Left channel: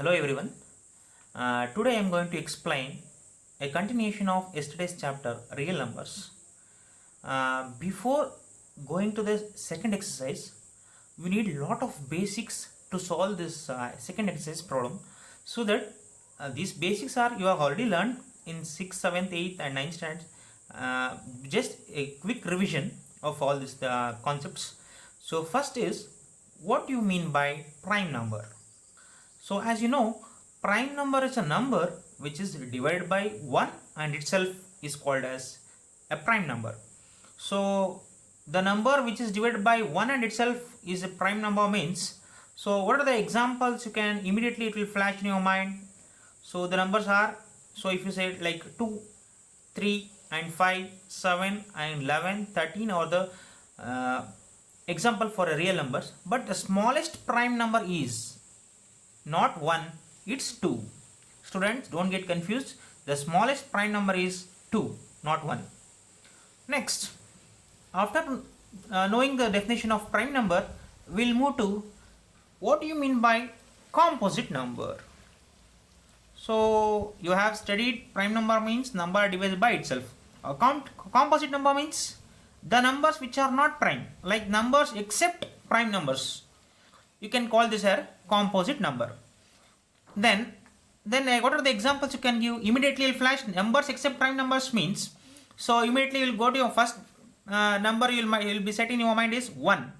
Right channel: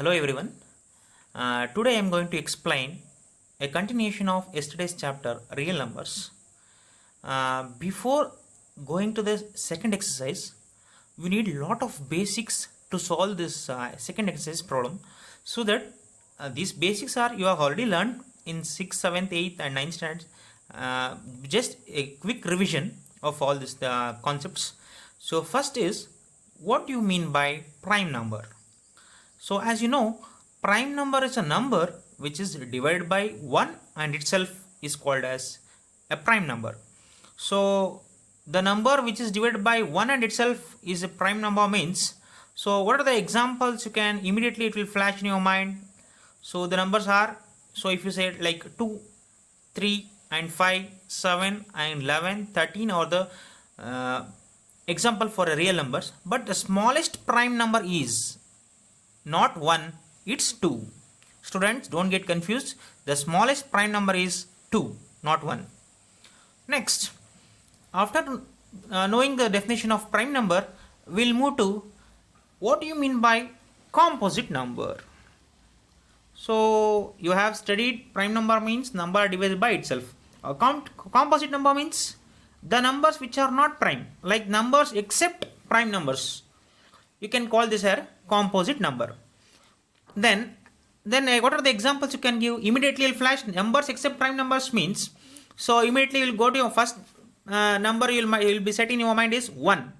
Hello everyone. Today I am going to explain a continuation of yesterday's chapter, real numbers. Before going to the second exercise, we need a lot of basics to solve this second exercise problem, so that these basics are you have already learned in 6th, 7th, 8th and 9th standards. Just a quick revision of all these concepts. So first is, what do you mean by prime number? So as you know, prime number is a number which is divided by 1 and itself is called as a prime number. So the number which is divided by 1 and itself is a prime number means, so what are the examples you can immediately it will flash in your mind. So the numbers are, so if you say like 2, 3 and 5, 7 and 11, 13 are the example for a real numbers, but the smallest prime number is not 1, it's 2. Students, don't get confused. The smallest prime number is 2, not 1. Next, after knowing the definition of prime number, we'll move to what do you mean by composite number. So you have studied prime number means number divided by itself. Composite number means the numbers which are not prime, like numbers except prime numbers. You can call this a composite number. Then what are the examples you can give? Immediately will flash numbers except prime numbers means, so immediately you will go to your first number you will be set in your mind is 1,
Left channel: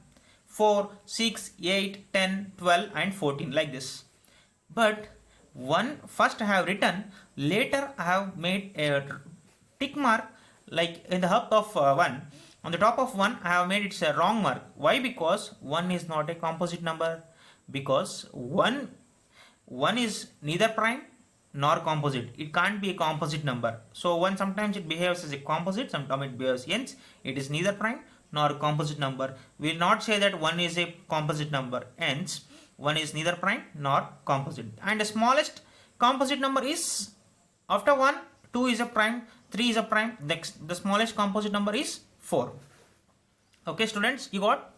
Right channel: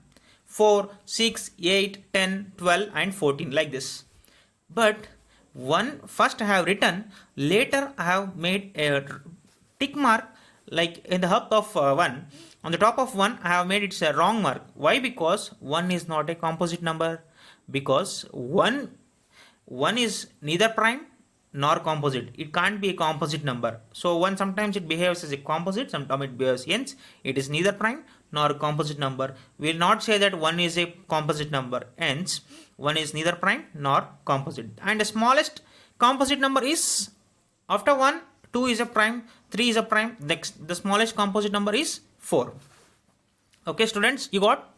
4, 6, 8, 10, 12 and 14 like this. But one first I have written, later I have made a tick mark like in the hub of 1. On the top of 1 I have made it a wrong mark. Why? Because 1 is not a composite number, because 1 is neither prime nor composite. It can't be a composite number. So 1 sometimes it behaves as a composite, sometimes it behaves hence it is neither prime nor composite number. We will not say that 1 is a composite number, hence 1 is neither prime nor composite. And the smallest composite number is after 1, 2 is a prime, 3 is a prime, next the smallest composite number is 4. Okay students, you got?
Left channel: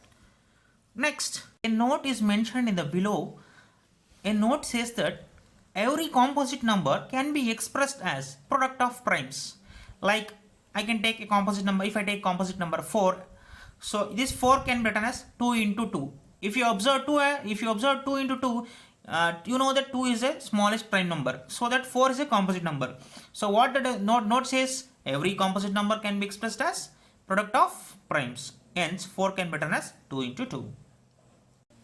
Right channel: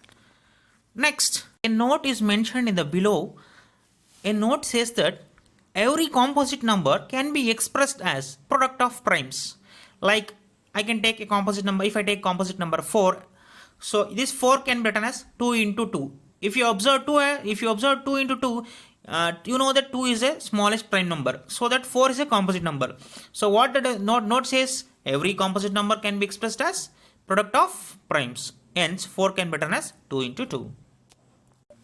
Next, a note is mentioned in the below. A note says that every composite number can be expressed as product of primes. Like I can take a composite number, if I take composite number 4, so this 4 can be written as 2 into 2. If you observe 2 into 2, you know that 2 is a smallest prime number, so that 4 is a composite number. So what the note says, every composite number can be expressed as product of primes, hence 4 can be written as 2 into 2.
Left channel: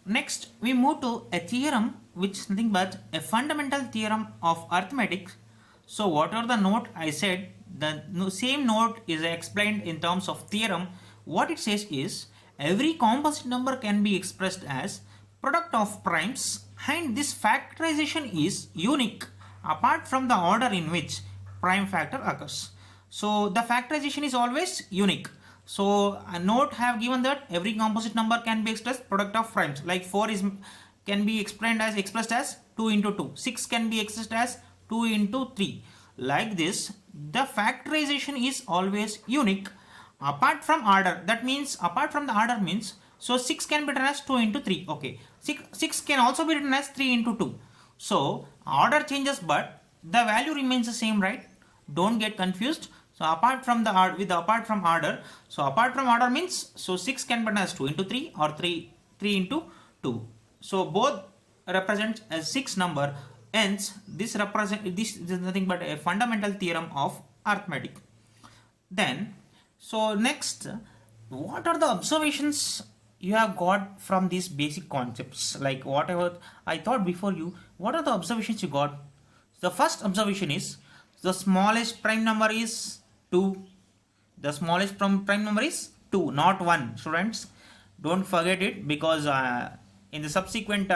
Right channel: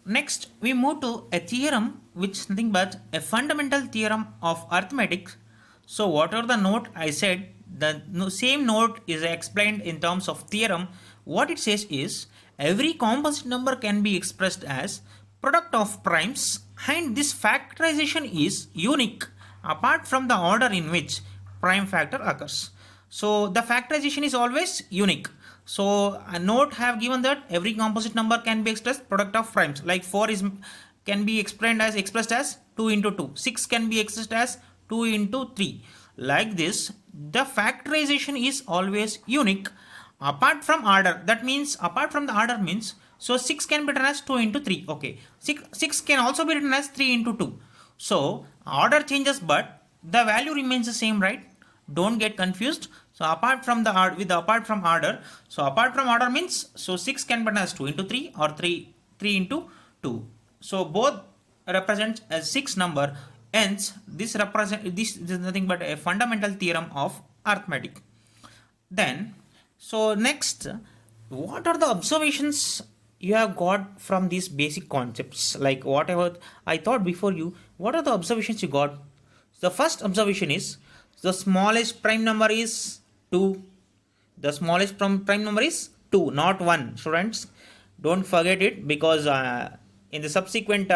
Next, we move to a theorem which is nothing but a fundamental theorem of arithmetic. So whatever the note I said, the same note is explained in terms of theorem. What it says is, every composite number can be expressed as product of primes, and this factorization is unique apart from the order in which prime factor occurs. So the factorization is always unique. So a note have given that every composite number can be expressed product of primes, like 4 can be expressed as 2 into 2, 6 can be expressed as 2 into 3. Like this, the factorization is always unique apart from order. That means apart from the order means, so 6 can be written as 2 into 3. Okay, 6 can also be written as 3 into 2. So order changes but the value remains the same, right? Don't get confused. So apart from order, so apart from order means, so 6 can be written as 2 into 3 or 3 into 2. So both represent as 6 number, hence this is nothing but a fundamental theorem of arithmetic. Then, so next, what are the observations you have got from these basic concepts? Like whatever I thought before you, what are the observations you got? The first observation is, the smallest prime number is 2. The smallest prime number is 2, not 1. Students, don't forget it, because in the subsequent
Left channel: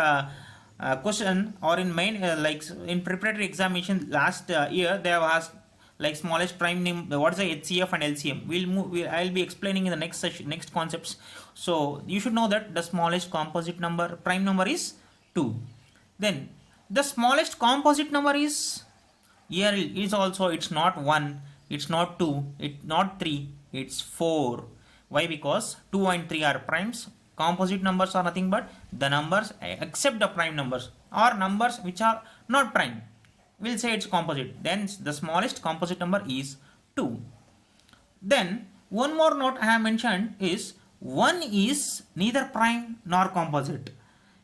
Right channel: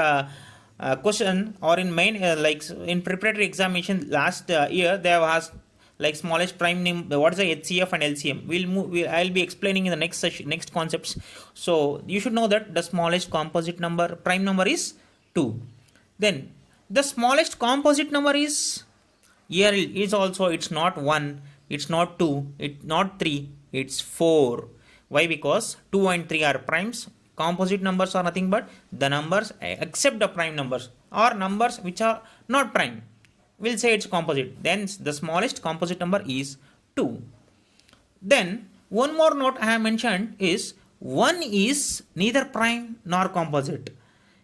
question or in main like in preparatory examination last year, they have asked like smallest prime number, what is the HCF and LCM. I'll be explaining in the next session, next concepts. So you should know that the smallest composite number prime number is 2. Then the smallest composite number is, here is also, it's not 1, it's not 2, it's not 3, it's 4. Why? Because 2 and 3 are primes. Composite numbers are nothing but the numbers except the prime numbers. or numbers which are not prime. We'll say it's composite. Then the smallest composite number is 2. Then one more note I have mentioned is 1 is neither prime nor composite.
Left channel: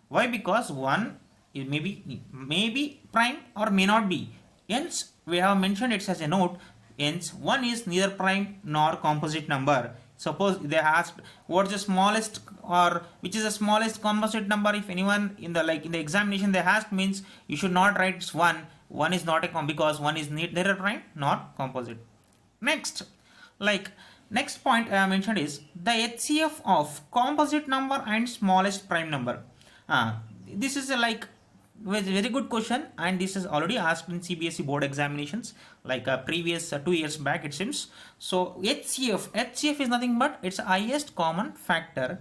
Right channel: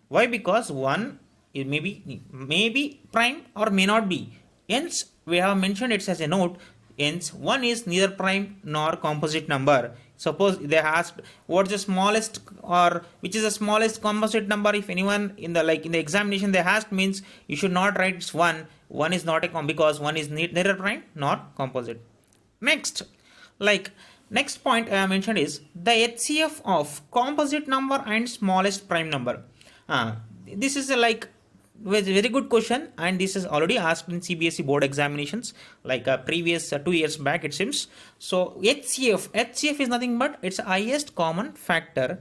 Why? Because 1 is maybe prime or may not be. Hence we have mentioned it as a note. Hence 1 is neither prime nor composite number. Suppose they asked what is the smallest or which is the smallest composite number. If anyone in the examination they asked, means you should not write it's 1. 1 is not a because 1 is neither prime nor composite. Next, next point I mentioned is the HCF of composite number and smallest prime number. This is a very good question, and this is already asked in CBSE board examinations previous 2 years back it seems. So HCF is nothing but it's highest common factor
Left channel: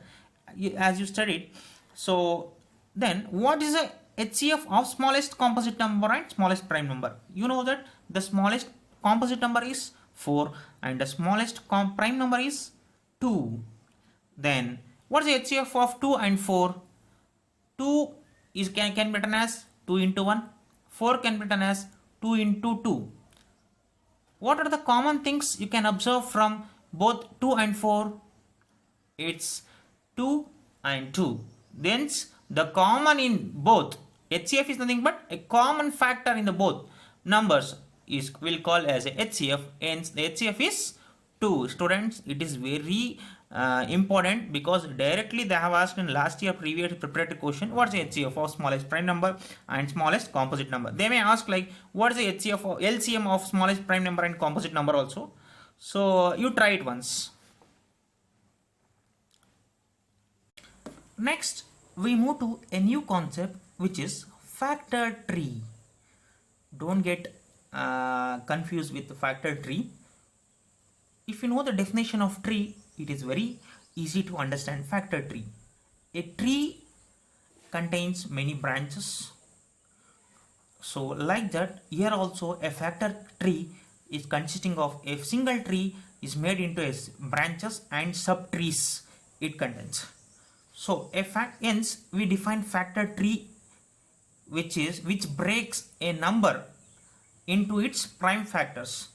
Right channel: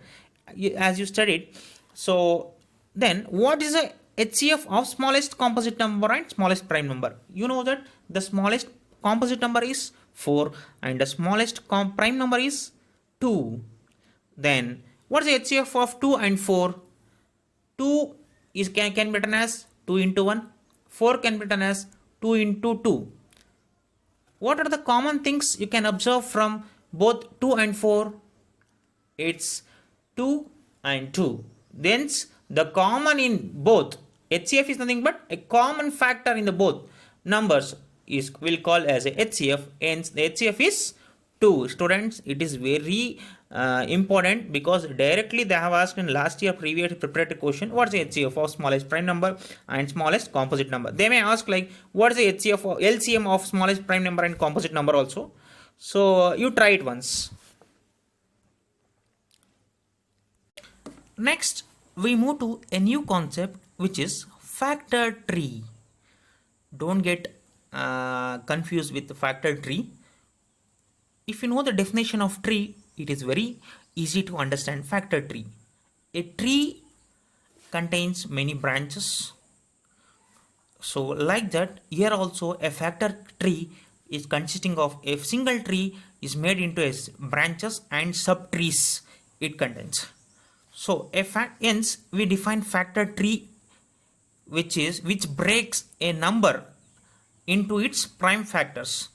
as you studied. So then what is the HCF of smallest composite number and smallest prime number? You know that the smallest composite number is 4 and the smallest prime number is 2. Then what is the HCF of 2 and 4? 2 is can be written as 2 into 1. 4 can be written as 2 into 2. What are the common things you can observe from both 2 and 4? It's 2 and 2. Then the common in both HCF is nothing but a common factor in the both numbers is will call as a HCF. Hence the HCF is 2. Students, it is very important because directly they have asked in last year previous preparatory question what is the HCF of smallest prime number and smallest composite number. They may ask what is the HCF or LCM of smallest prime number and composite number also. So you try it once. Next we move to a new concept which is factor tree. Don't get confused with the factor tree. If you know the definition of tree, it is very easy to understand factor tree. A tree contains many branches. So like that, here also a factor tree is consisting of a single tree is made into a branches and sub trees it contains. So hence we define factor tree which breaks a number into its prime factors.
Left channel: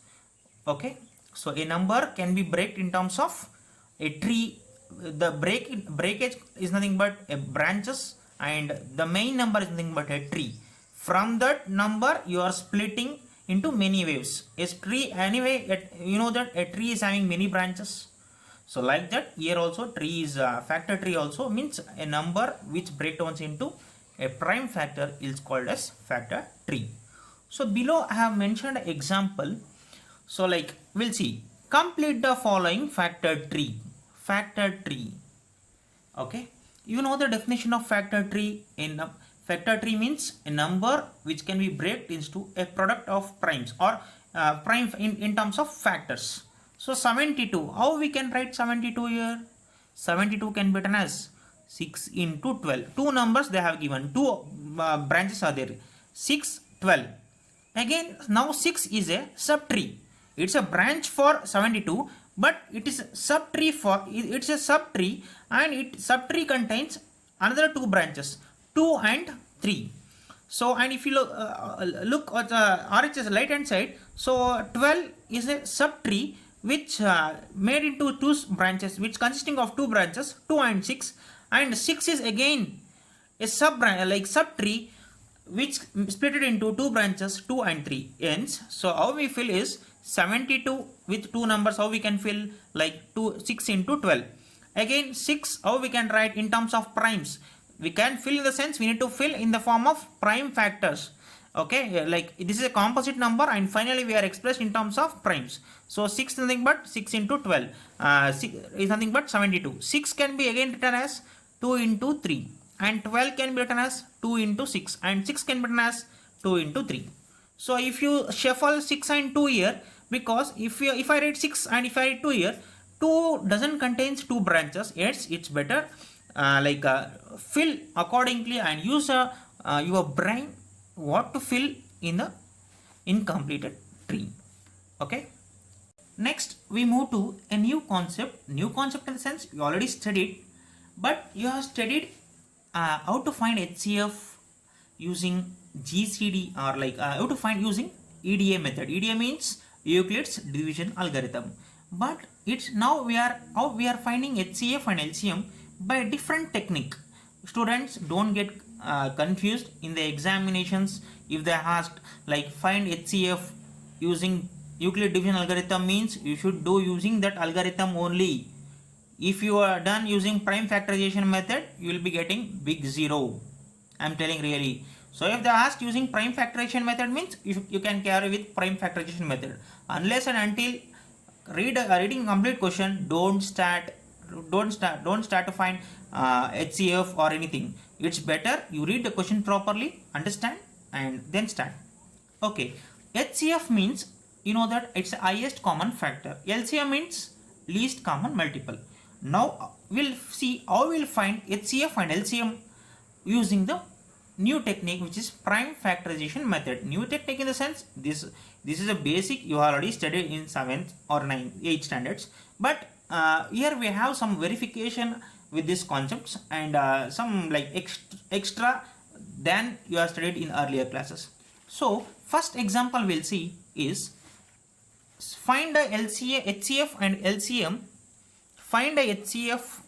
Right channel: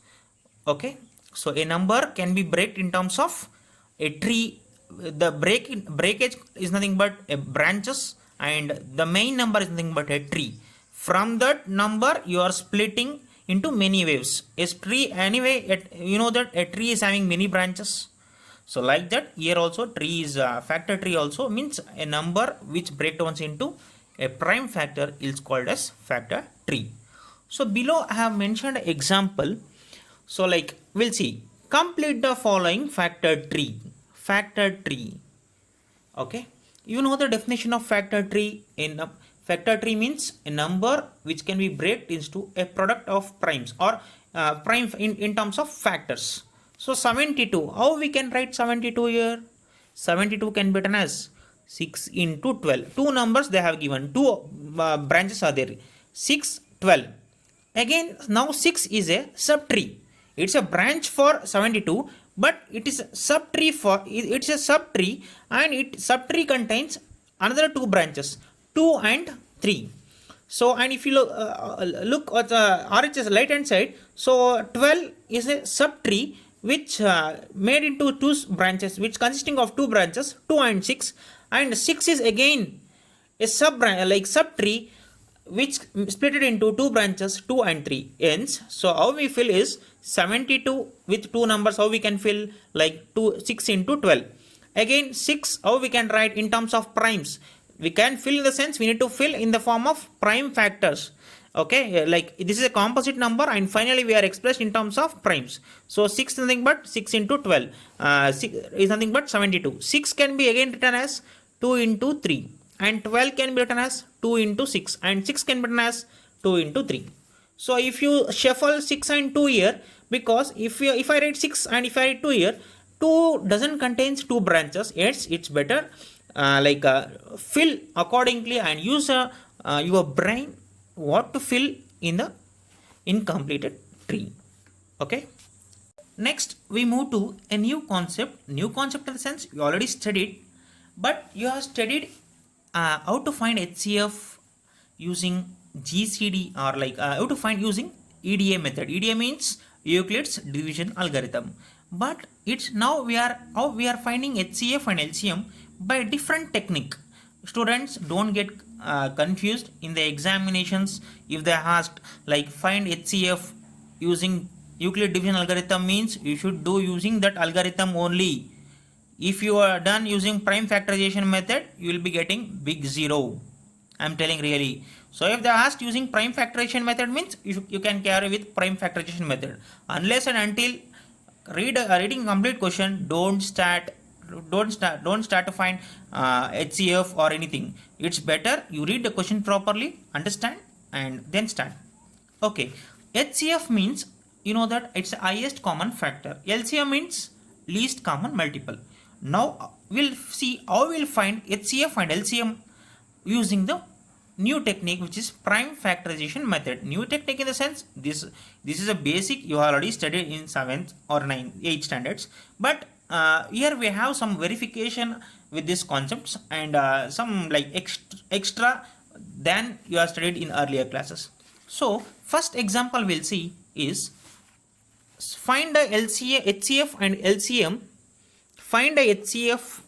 Okay, so a number can be break in terms of a tree. The breakage is nothing but a branches and the main number is nothing but a tree. From that number you are splitting into many waves. A tree anyway, you know that a tree is having many branches. So like that here also tree is factor tree also means a number which breaks into a prime factor is called as factor tree. So below I have mentioned an example. So we'll see. Complete the following factor tree. Factor tree. Okay. You know the definition of factor tree. In factor tree means a number which can be break into a product of primes or prime in terms of factors. So 72. How we can write 72 here? 72 can be written as 6 into 12. Two numbers they have given. Two branches are there. 6, 12. Again now 6 is a subtree. It's a branch for 72 but it is a subtree and it subtree contains another two branches 2 and 3. So and if you look at the RHS right hand side, so 12 is a subtree which made into two branches which consisting of two branches 2 and 6, and 6 is again a subtree which split it into two branches 2 and 3. Hence so how we fill is 72 with two numbers. How we can fill 6 into 12. Again 6 how we can write in terms of primes. We can fill in the sense we need to fill in the form of prime factors. Okay, this is a composite number and finally we are expressed in terms of primes. So 6 is nothing but 6 into 12 6 is nothing but 72. 6 can be again written as 2 into 3 and 12 can be written as 2 into 6 and 6 can be written as 2 into 3. So if you shuffle 6 and 2 here, because if I write 6 and if I write 2 here, 2 doesn't contains two branches. Yes, it's better fill accordingly and use your brain what to fill in the incompleted tree. Okay. Next we move to a new concept. New concept in the sense you already studied, but you have studied how to find HCF using GCD, or like you have to find using EDA method. EDA means Euclid's division algorithm. But it's now we are finding HCF and LCM by different technique. Students don't get confused in the examinations. If they asked like find HCF using Euclid division algorithm, means you should do using that algorithm only. If you are done using prime factorization method, you will be getting big zero. I'm telling really. So if they asked using prime factorization method, means you can carry with prime factorization method. Unless and until reading complete question, don't start to find HCF or anything. It's better you read the question properly, understand, and then start. Okay, HCF means you know that it's the highest common factor. LCM means least common multiple. Now we'll see how we'll find HCF and LCM using the new technique, which is prime factorization method. New technique in the sense this is a basic you already studied in 7th or 9th 8th standards, but here we have some verification with these concepts and some like extra than you have studied in earlier classes. So first example we'll see is find the HCF and LCM. Find the HCF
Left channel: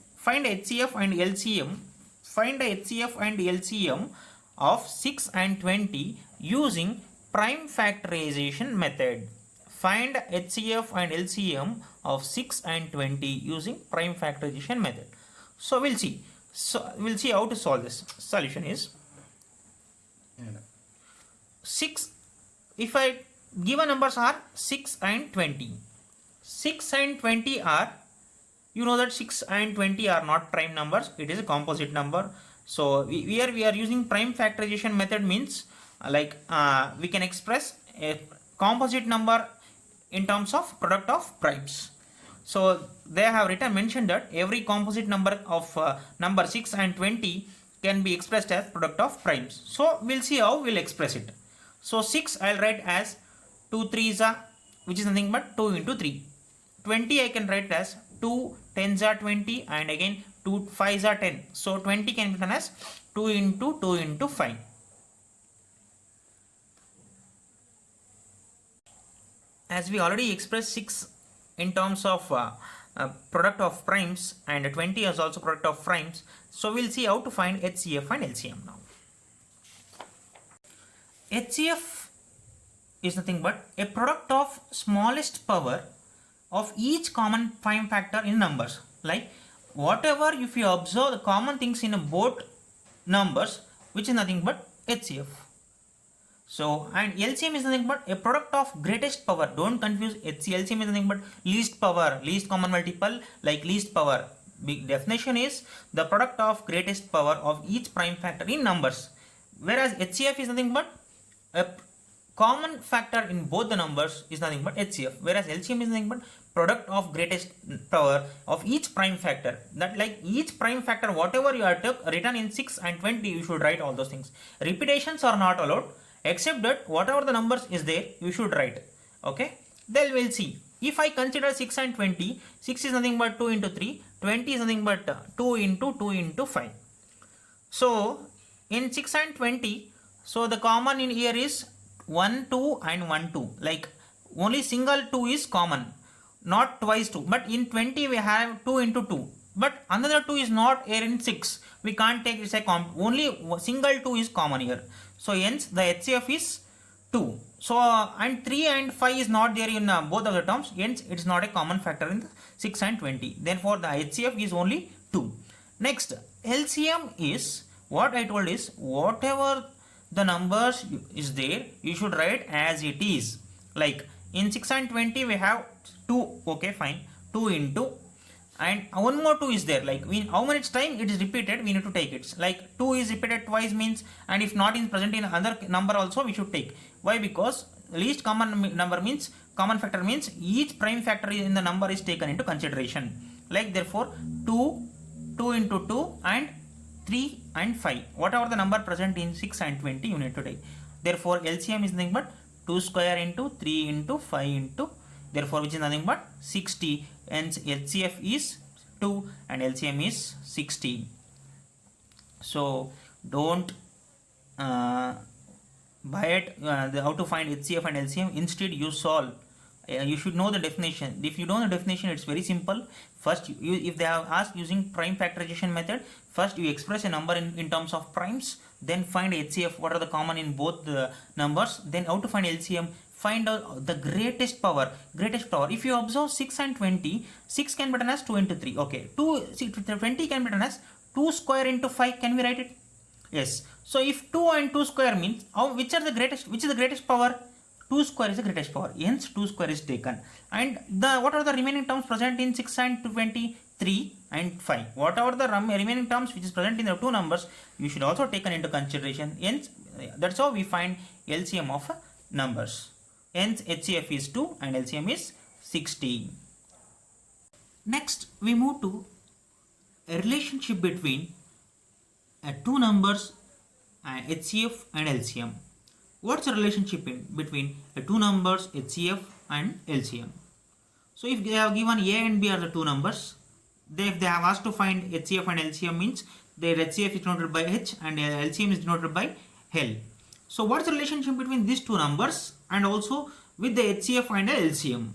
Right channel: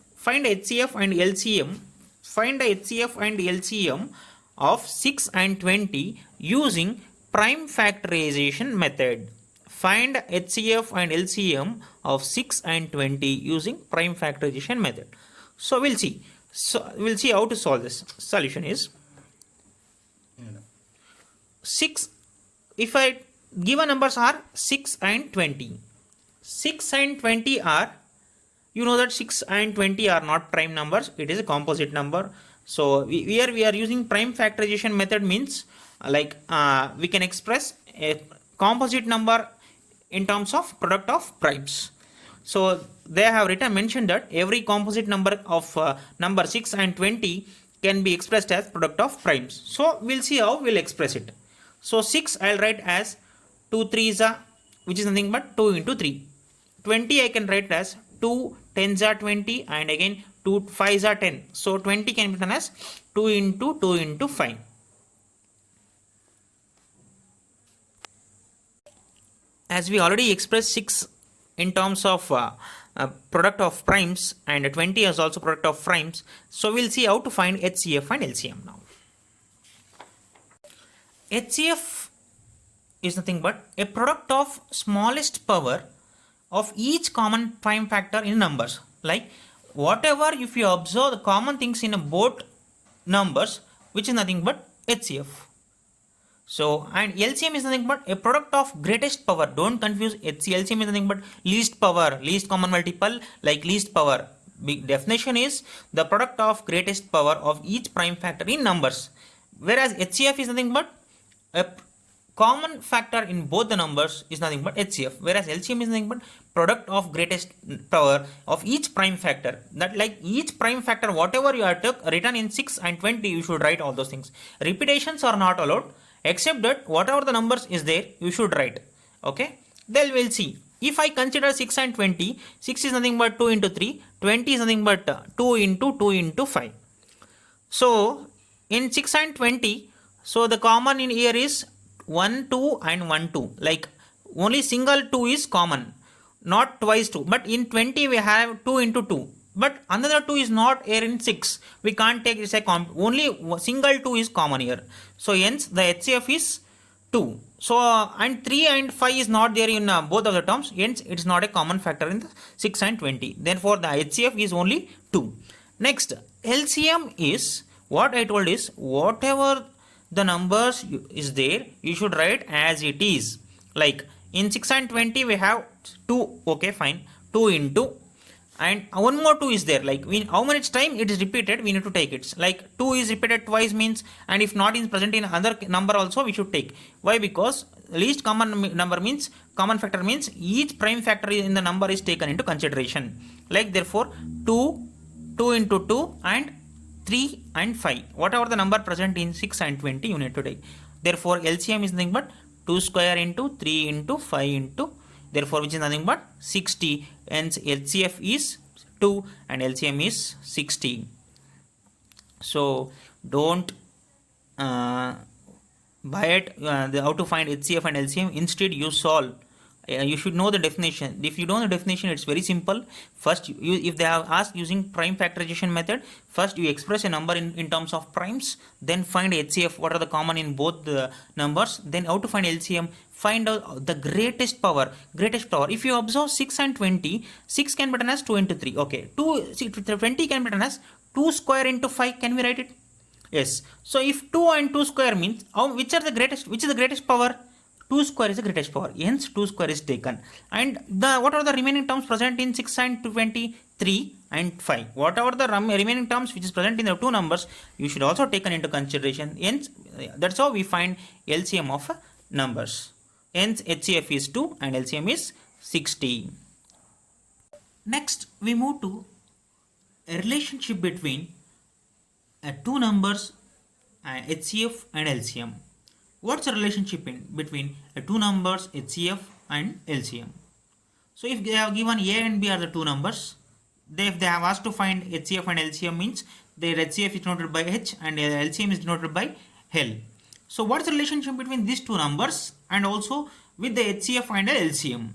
and LCM. Find the HCF and LCM of 6 and 20 using prime factorization method. Find HCF and LCM of 6 and 20 using prime factorization method. So we'll see. We'll see how to solve this. Solution is 6. If I given numbers are 6 and 20. 6 and 20 are, you know that 6 and 20 are not prime numbers, it is a composite number. So we are using prime factorization method, means like we can express a composite number in terms of product of primes. So they have mentioned that every composite number of number 6 and 20 can be expressed as product of primes. So we'll see how we'll express it. So 6 I'll write as 2 3s are, which is nothing but 2 into 3. 20 I can write as 2 10s are 20, and again 2 5s are 10. So 20 can be written as 2 into 2 into 5. As we already expressed 6 in terms of product of primes, and 20 is also product of primes, so we'll see how to find HCF and LCM now. HCF is nothing but a product of smallest power of each common prime factor in numbers. Like whatever, if you observe the common things in both numbers, which is nothing but HCF. So and LCM is nothing but a product of greatest power. Don't confuse LCM is nothing but least power, least common multiple, like least power. Big definition is the product of greatest power of each prime factor in numbers, whereas HCF is nothing but a common factor in both the numbers is nothing but HCF, whereas LCM is nothing but product of greatest power of each prime factor. That like each prime factor, whatever you have written in 6 and 20, you should write all those things. Repetitions are not allowed, except that whatever the numbers is there, you should write. Okay, then we'll see. If I consider 6 and 20, 6 is nothing but 2 into 3, 20 is nothing but 2 into 2 into 5. So in 6 and 20, so the common in here is 1 2 and 1 2, like only single 2 is common, not twice 2. But in 20 we have 2 into 2, but another 2 is not here in 6, we can't take this only single 2 is common here. So hence the HCF is 2. So and 3 and 5 is not there in both of the terms, hence it's not a common factor in the 6 and 20. Therefore the HCF is only 2. Next, LCM is what I told is whatever the numbers is there, you should write as it is. Like in 6 and 20 we have 2, okay fine, 2 into, and one more 2 is there, like how much time it is repeated we need to take it. Like 2 is repeated twice means, and if not is present in other number also we should take. Why? Because least common number means common factor means each prime factor in the number is taken into consideration. Like therefore 2 2 into 2 and 3 and 5, whatever the number present in 6 and 20 you need to take. Therefore LCM is nothing but 2 square into 3 into 5 into, therefore which is nothing but 60, hence HCF is 2 and LCM is 60. So don't uh, by it how to find HCF and LCM. Instead you solve. You should know the definition. If you don't know the definition, it's very simple. First if they have asked using prime factorization method, first you express a number in terms of primes, then find HCF, what are the common in both the numbers, then how to find LCM, find out the greatest power. If you observe 6 and 20, 6 can be written as 2 into 3. Okay, 20 can be written as 2 square into 5. Can we write it? Yes. So if 2 and 2 square means which is the greatest power? 2 square is the greatest power. Hence 2 square is taken. And what are the remaining terms present in 6 and 20? 3 and 5. Whatever the remaining terms which is present in the two numbers, you should also taken into consideration. Hence that's how we find LCM of numbers. Hence HCF is 2 and LCM is 60. Next we move to a relationship between two numbers, HCF and LCM. What's the relationship between two numbers, HCF and LCM? So if they have given A and B are the two numbers, if they have asked to find HCF and LCM, means their HCF is denoted by H and LCM is denoted by L. So what's the relationship between these two numbers and also with the HCF and the LCM?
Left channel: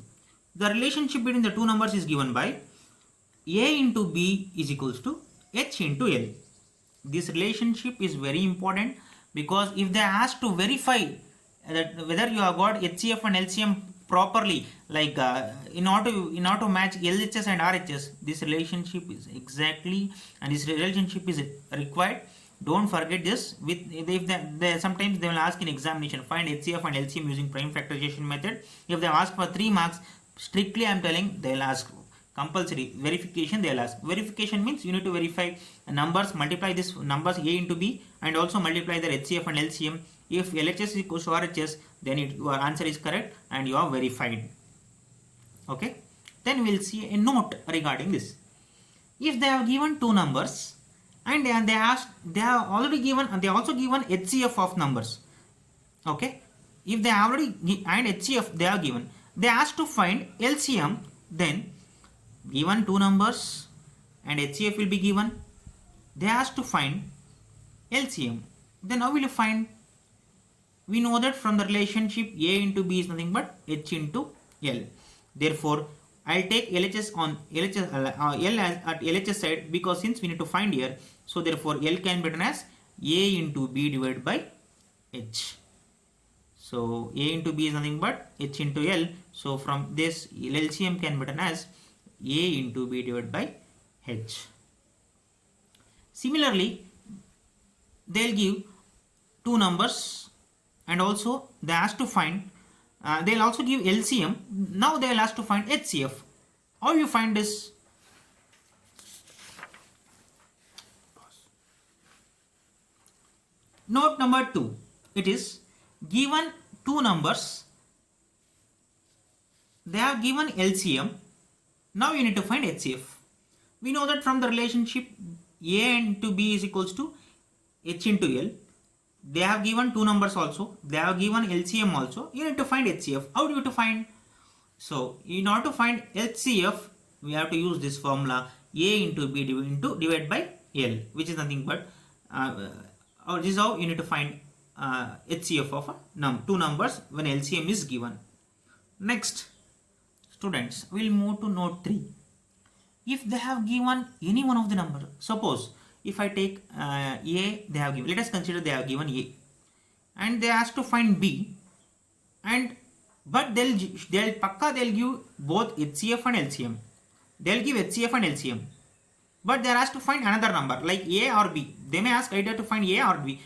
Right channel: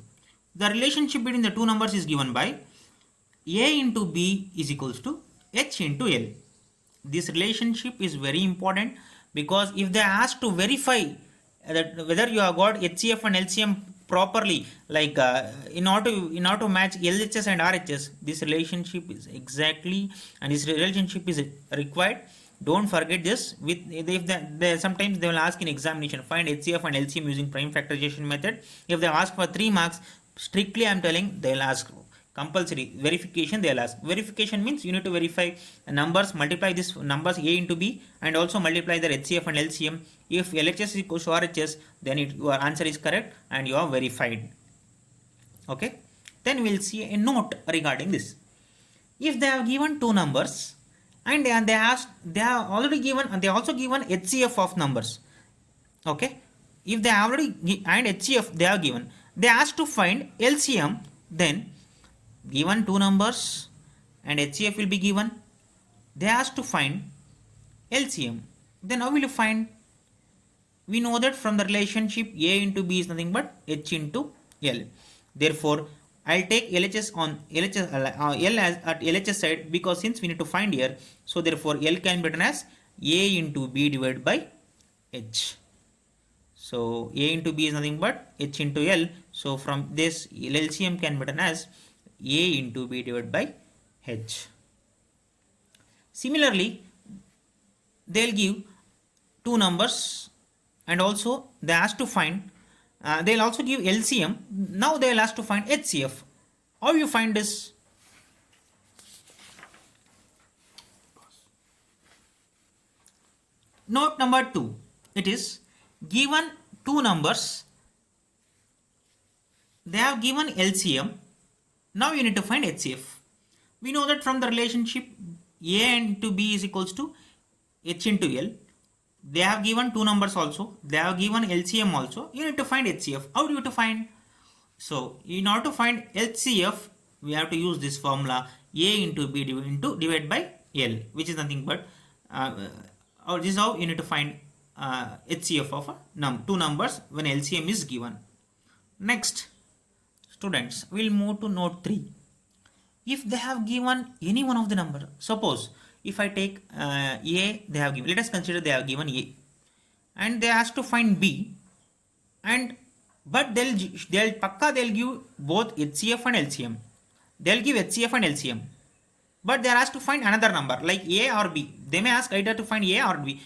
The relationship between the two numbers is given by A into B is equals to H into L. This relationship is very important, because if they ask to verify that whether you have got HCF and LCM properly, like in order to match LHS and RHS, this relationship is exactly, and this relationship is required. Don't forget this. Sometimes they will ask in examination, find HCF and LCM using prime factorization method. If they ask for 3 marks, strictly I am telling, they will ask compulsory verification. They will ask. Verification means you need to verify numbers, multiply this numbers A into B, and also multiply their HCF and LCM. If LHS is equals to RHS, then your answer is correct and you are verified. Okay. Then we will see a note regarding this. If they have given two numbers and they also given HCF of numbers. Okay. If they already and HCF they are given, they ask to find LCM, then given two numbers and HCF will be given, they ask to find LCM. Then how will you find? We know that from the relationship A into B is nothing but H into L. Therefore, I'll take LHS on LHS, L as at LHS side, because since we need to find here, so therefore L can be written as A into B divided by H. So A into B is nothing but H into L. So from this LCM can be written as A into B divided by H. Similarly, they'll give two numbers and also they ask to find, they'll also give LCM. Now they'll ask to find HCF. How you find this? Note number 2. It is given two numbers. They have given LCM. Now you need to find HCF. We know that from the relationship A into B is equals to H into L. They have given two numbers also. They have given LCM also. You need to find HCF. How do you to find? So in order to find HCF, we have to use this formula A into B divided by L, which is nothing but this is how you need to find HCF of two numbers when LCM is given. Next, students, we'll move to note 3. If they have given any one of the number, suppose if I take A, they have given, let us consider they have given A, and they ask to find B, and but they'll give both HCF and LCM. They'll give HCF and LCM, but they are asked to find another number like A or B. They may ask either to find A or B.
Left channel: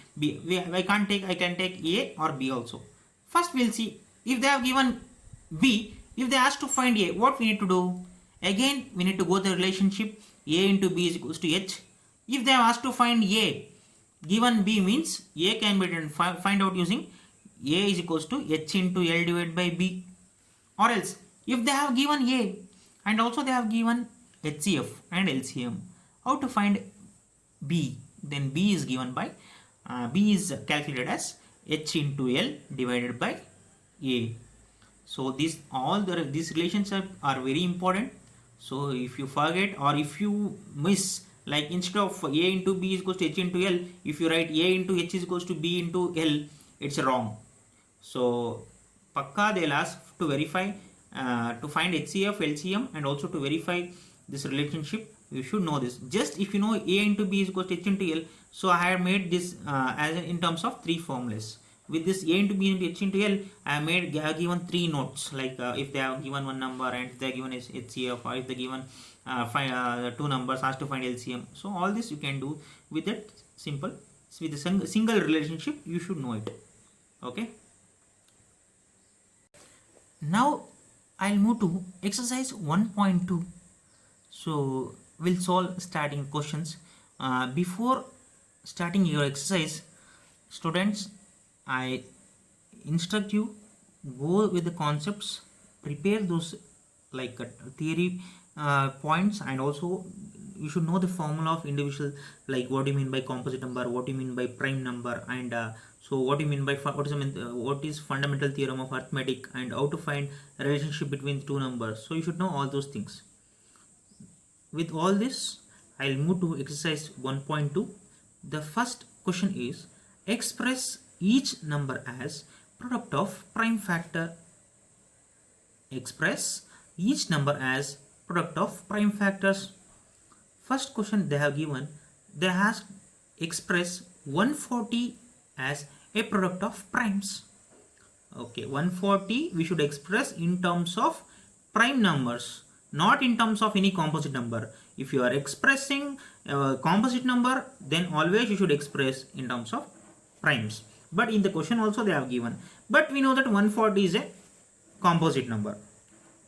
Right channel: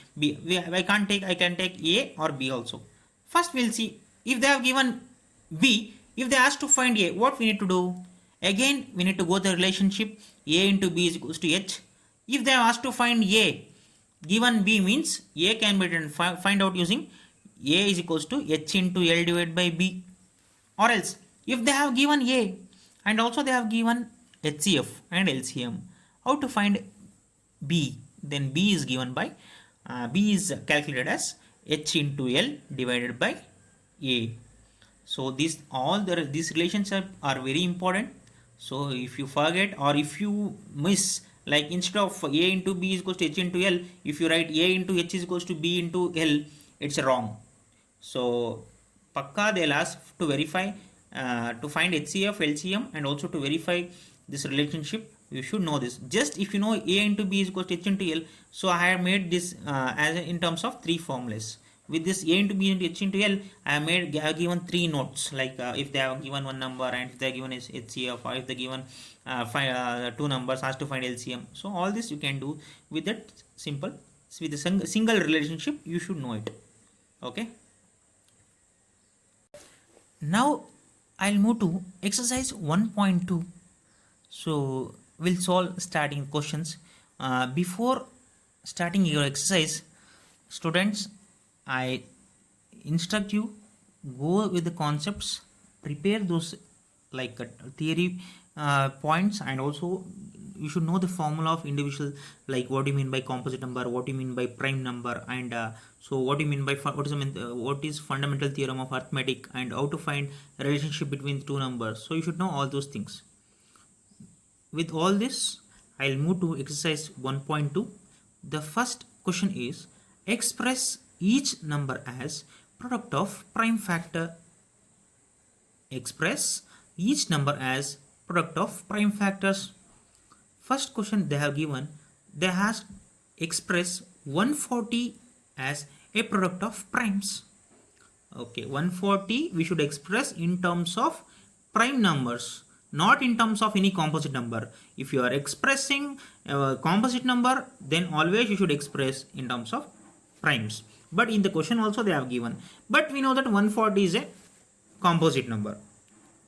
I can take A or B also. First we'll see if they have given B. If they ask to find A, what we need to do? Again, we need to go to the relationship A into B is equals to H. If they have asked to find A, given B means A can be written, find out using A is equals to H into L divided by B. Or else, if they have given A and also they have given HCF and LCM, how to find B? Then B is given by, B is calculated as H into L divided by A. So these relationships are very important. So if you forget or if you miss Like instead of A into B is equals to H into L, if you write A into H is equals to B into L, it's wrong. So Pakka they'll ask to verify, to find HCF, LCM, and also to verify this relationship. You should know this. Just if you know A into B is equals to H into L, so I have made this as in terms of three formulas. With this A into B into H into L, I have given three notes, like if they have given one number, and if they have given HCF, or if they given two numbers, has to find LCM. So all this you can do with that simple, with a single relationship. You should know it. Okay. Now I'll move to exercise 1.2. So we'll solve starting questions. Before starting your exercise, students, I instruct you, go with the concepts, prepare those like theory points, and also you should know the formula of individual, like what do you mean by composite number, what do you mean by prime number, and so what do you mean by what is fundamental theorem of arithmetic, and how to find a relationship between two numbers. So you should know all those things. With all this, I'll move to exercise 1.2. The first question is, express each number as product of prime factor. Express each number as product of prime factors. First question they have given, they has express 140 as a product of primes. Okay, 140 we should express in terms of prime numbers, not in terms of any composite number. If you are expressing a composite number, then always you should express in terms of primes. But in the question also they have given, but we know that 140 is a composite number,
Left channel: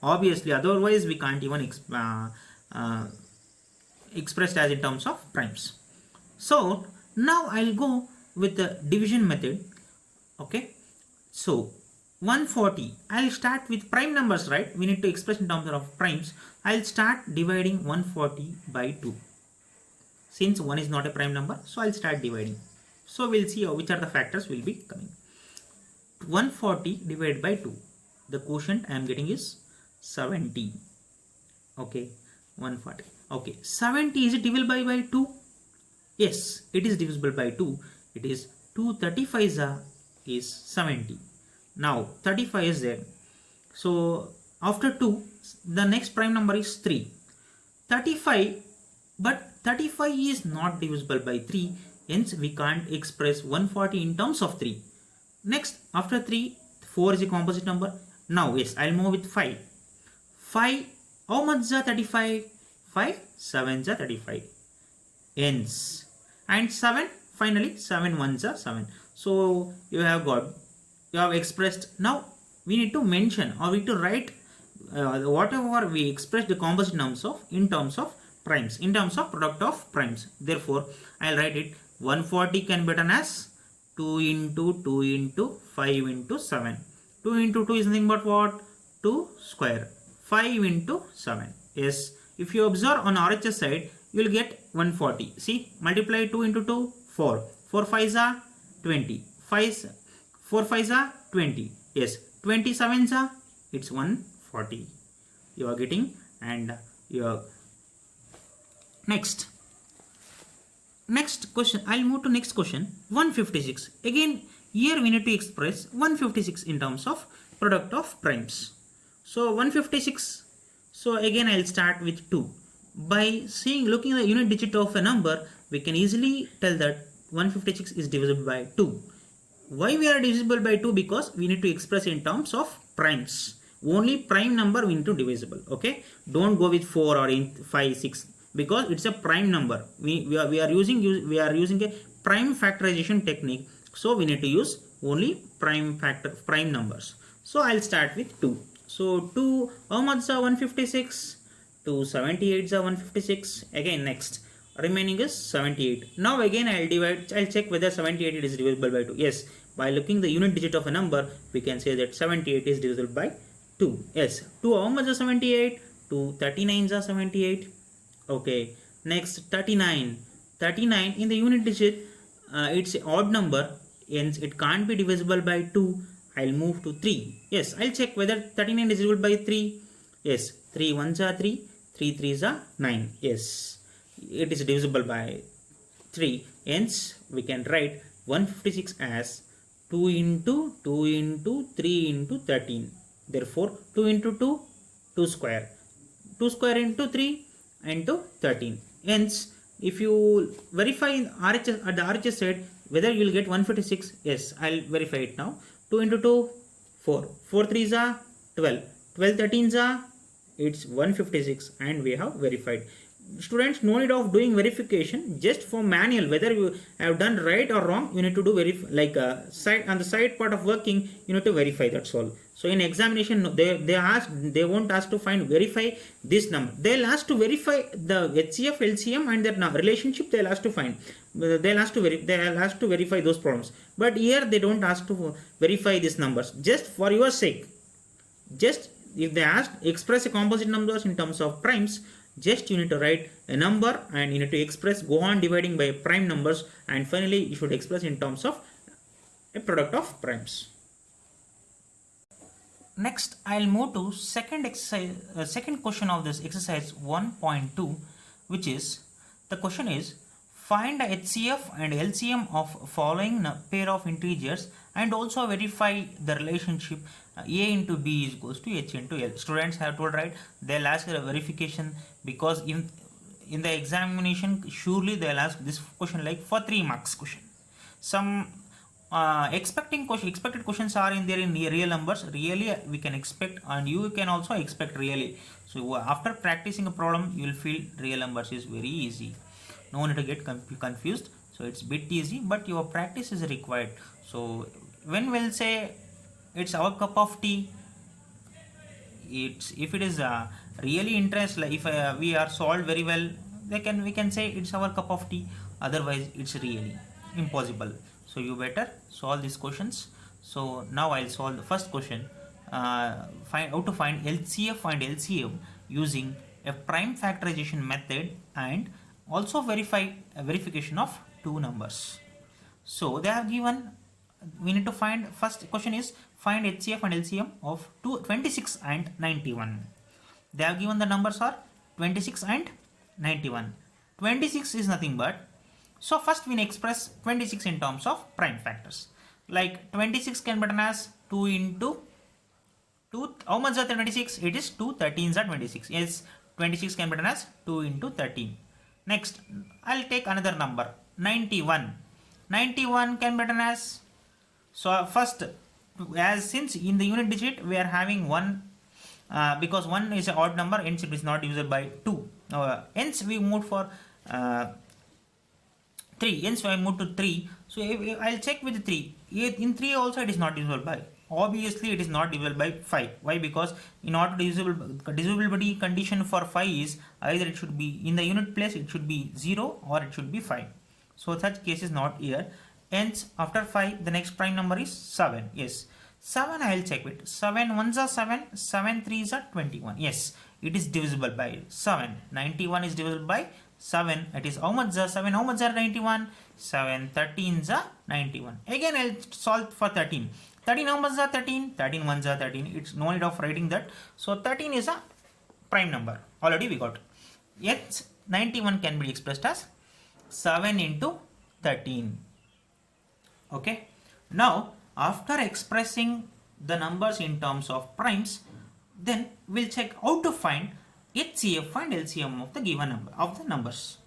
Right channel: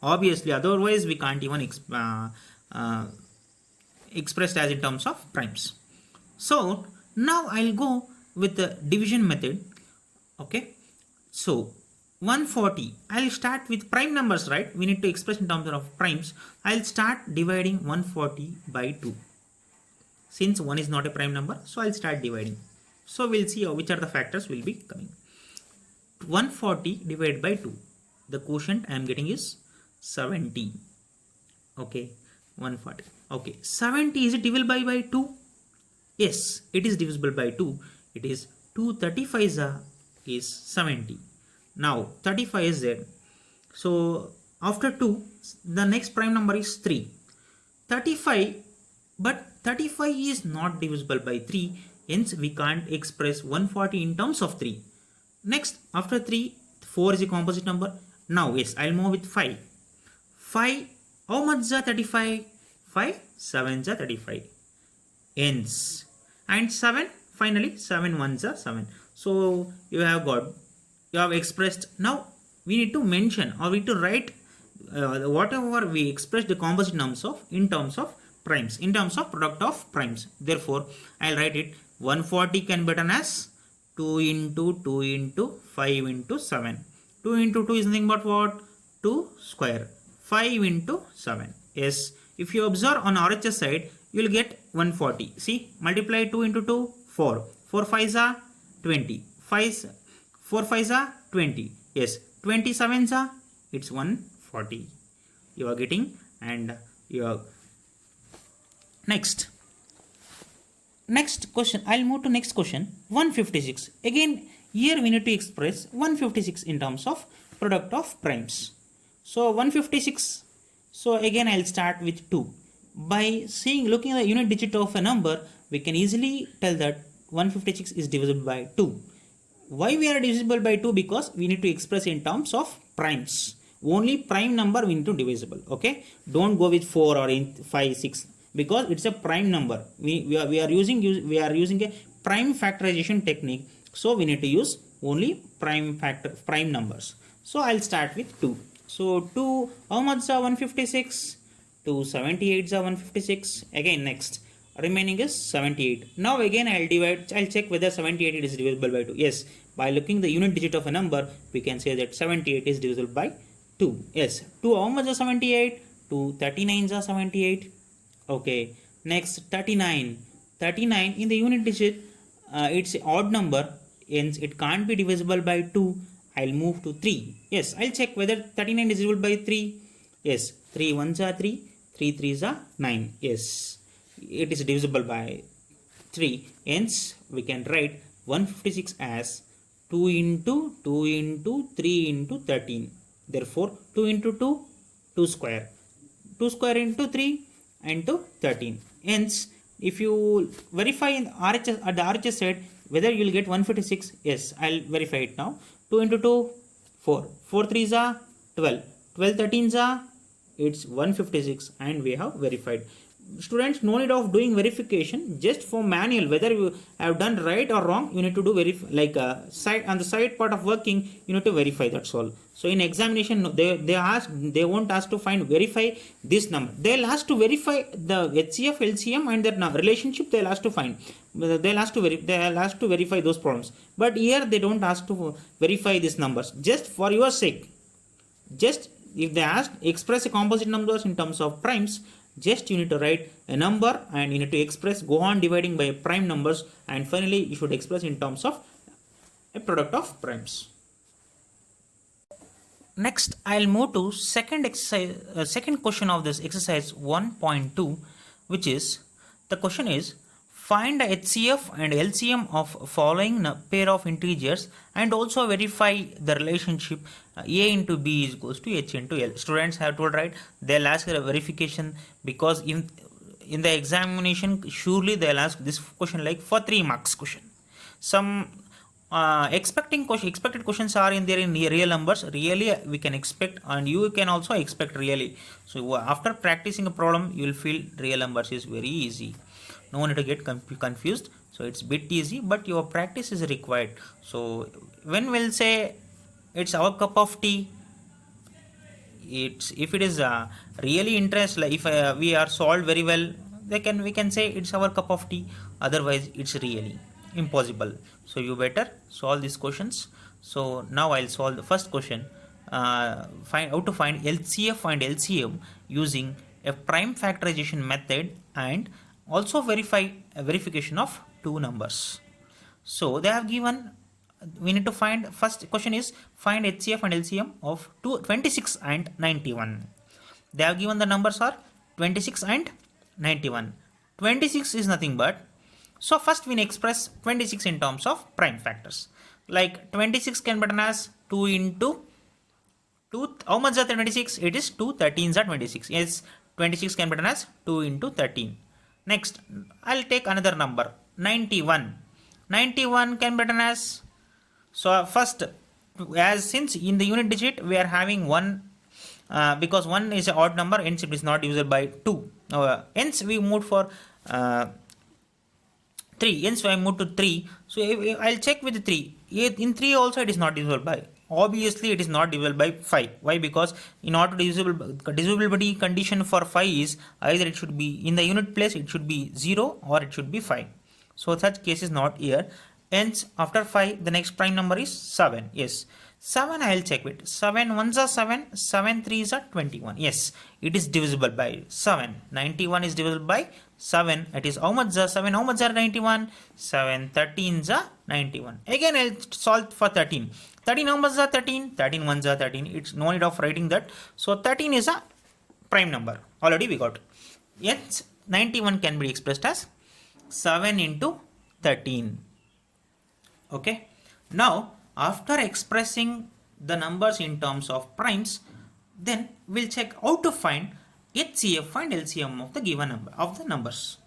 obviously, otherwise we can't even express as in terms of primes. So now I'll go with the division method. Okay, so 140, I'll start with prime numbers, right? We need to express in terms of primes. I'll start dividing 140 by 2. Since 1 is not a prime number, so I'll start dividing. So we'll see which are the factors will be coming. 140 divided by 2. The quotient I am getting is 70. Okay, 140. Okay, 70, is it divisible by 2? Yes, it is divisible by 2. It is 2 35s is 70. Now 35 is there. So after 2, the next prime number is 3. 35, but 35 is not divisible by 3. Hence we can't express 140 in terms of 3. Next, after 3, 4 is a composite number. Now yes, I'll move with 5. 5, how much is 35? 5 7s are 35. Hence, and 7, finally 7 1s are 7. So you have expressed. Now we need to mention, or we need to write whatever we express the composite numbers of in terms of primes, in terms of product of primes. Therefore I'll write it, 140 can be written as 2 into 2 into 5 into 7. 2 into 2 is nothing but what? 2 square. 5 into 7. Yes, if you observe on RHS side, you will get 140. See, multiply 2 into 2, 4. 4 5s are 20. 4 5s are 20. Yes, 27s are, it's 140. You are getting, and you are next question. I'll move to next question. 156. Again, here we need to express 156 in terms of product of primes. So 156. So again I'll start with 2. By looking at the unit digit of a number, we can easily tell that 156 is divisible by 2. Why we are divisible by 2? Because we need to express in terms of primes. Only prime number we need to divisible. Okay, don't go with 4 or 5 6, because it's a prime number. We are using a prime factorization technique, so we need to use only prime numbers. So I'll start with 2. So 2, how much is 156? 2 78 is 156. Again, next remaining is 78. Now again I'll check whether 78 is divisible by 2. Yes, by looking the unit digit of a number, we can say that 78 is divisible by 2. Yes, 2, how much is 78? 2 39s are 78. Okay, next 39. 39 in the unit digit, it's an odd number, hence it can't be divisible by 2. I'll move to 3. Yes, I'll check whether 39 is divisible by 3. Yes, 3 1s are 3, 3 3s are 9. Yes. it is divisible by 3. Hence, we can write 156 as 2 into 2 into 3 into 13. Therefore, 2 into 2, 2 square. 2 square into 3 into 13. Hence, if you verify in RHS, at the RHS side whether you will get 156, yes, I'll verify it now. 2 into 2, 4. 4 3s are 12. 12 13s are, it's 156, and we have verified. Students, no need of doing verification, just for manual whether you have done right or wrong, you need to do like side on the side part of working, you need to verify, that's all. So in examination they won't ask to verify this number, they'll ask to verify the HCF LCM and their relationship, they'll ask to find, they'll ask to verify those problems, but here they don't ask to verify these numbers. Just for your sake, just if they ask express a composite numbers in terms of primes, just you need to write a number and you need to express, go on dividing by prime numbers, and finally you should express in terms of a product of primes. Next, I'll move to second exercise, second question of this exercise 1.2, which is, the question is, find the HCF and LCM of following pair of integers and also verify the relationship A into B is equals to H into L. Students have told, right, they'll ask a verification, because in the examination surely they'll ask this question like for 3 marks question. Some expected questions are in there in real numbers, really we can expect, and you can also expect really. So after practicing a problem you will feel real numbers is very easy, no need to get confused. So it's bit easy, but your practice is required. So when we'll say it's our cup of tea, it's, if it is really interest, like if we are solved very well, we can say it's our cup of tea, otherwise it's really impossible. So you better solve these questions. So now I'll solve the first question. Find how to find LCF and LCM using a prime factorization method, and also verify a verification of two numbers. So they have given, we need to find, first question is find HCF and LCM of 26 and 91. They have given the numbers are 26 and 91. 26 is nothing but, so first we express 26 in terms of prime factors. Like 26 can be written as 2 into 2, how much are 26? It is 2 13s are 26. Yes, 26 can be written as 2 into 13. Next, I'll take another number, 91. 91 can be written as, so first, as since in the unit digit we are having 1, because 1 is an odd number, hence it is not divisible by 2. Hence we moved for 3, hence I moved to 3. So I'll check with 3. In 3 also it is not divisible by. Obviously it is not divisible by 5. Why? Because in order to divisibility condition for 5 is either it should be in the unit place, it should be 0 or it should be 5. So such case is not here. Hence after 5 the next prime number is 7. Yes, 7 I will check with. 7 1s are 7, 7 3s are 21. Yes, it is divisible by 7. 91 is divisible by 7. It is how much are 7, how much are 91? 7 13s are 91. Again I'll solve for 13. 13 how much are 13? 13 1s are 13. It's no need of writing that. So 13 is a prime number. Already we got. Yes, 91 can be expressed as 7 into 13. Okay. Now after expressing the numbers in terms of primes, then we'll check how to find HCF and LCM of the given number of the numbers.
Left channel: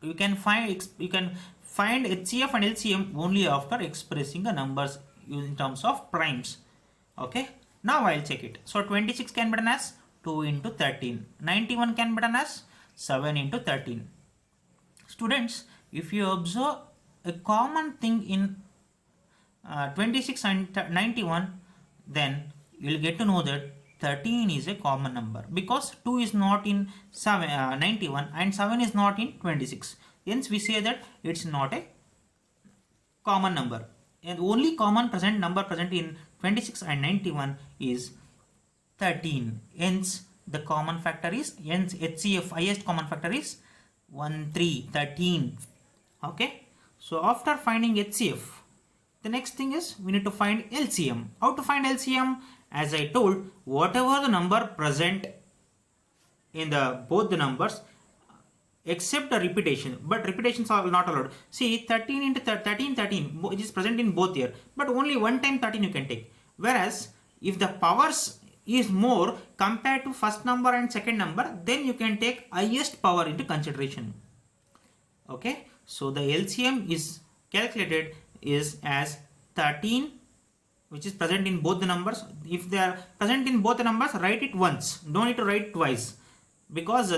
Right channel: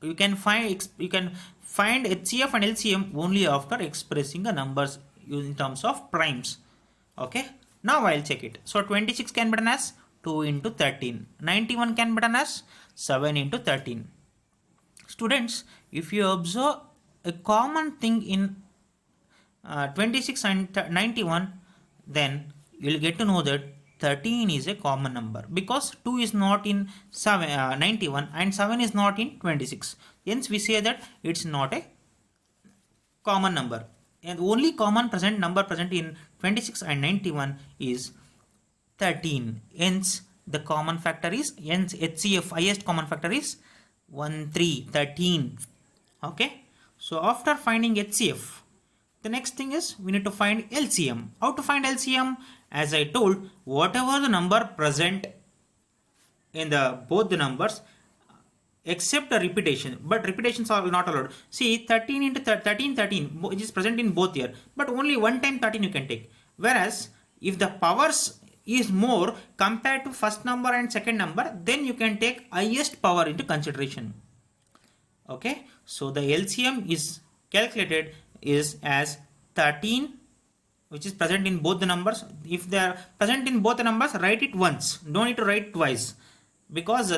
You can find HCF and LCM only after expressing the numbers in terms of primes. Okay. Now I'll check it. So 26 can be written as 2 into 13. 91 can be written as 7 into 13. Students, if you observe a common thing in 26 and 91, then you will get to know that 13 is a common number, because 2 is not in 91 and 7 is not in 26. Hence we say that it's not a common number, and only common number present in 26 and 91 is 13. Hence the common factor is, hence HCF highest common factor is 1 3 13. Okay. So after finding HCF, the next thing is we need to find LCM. How to find LCM? As I told, whatever the number present in the both the numbers, except a repetition, but repetitions are not allowed. See, 13 into 13 13 it is present in both here, but only one time 13 you can take. Whereas if the powers is more compared to first number and second number, then you can take highest power into consideration. Okay, so the LCM is calculated is as 13, which is present in both the numbers. If they are present in both the numbers, write it once, don't need to write twice, because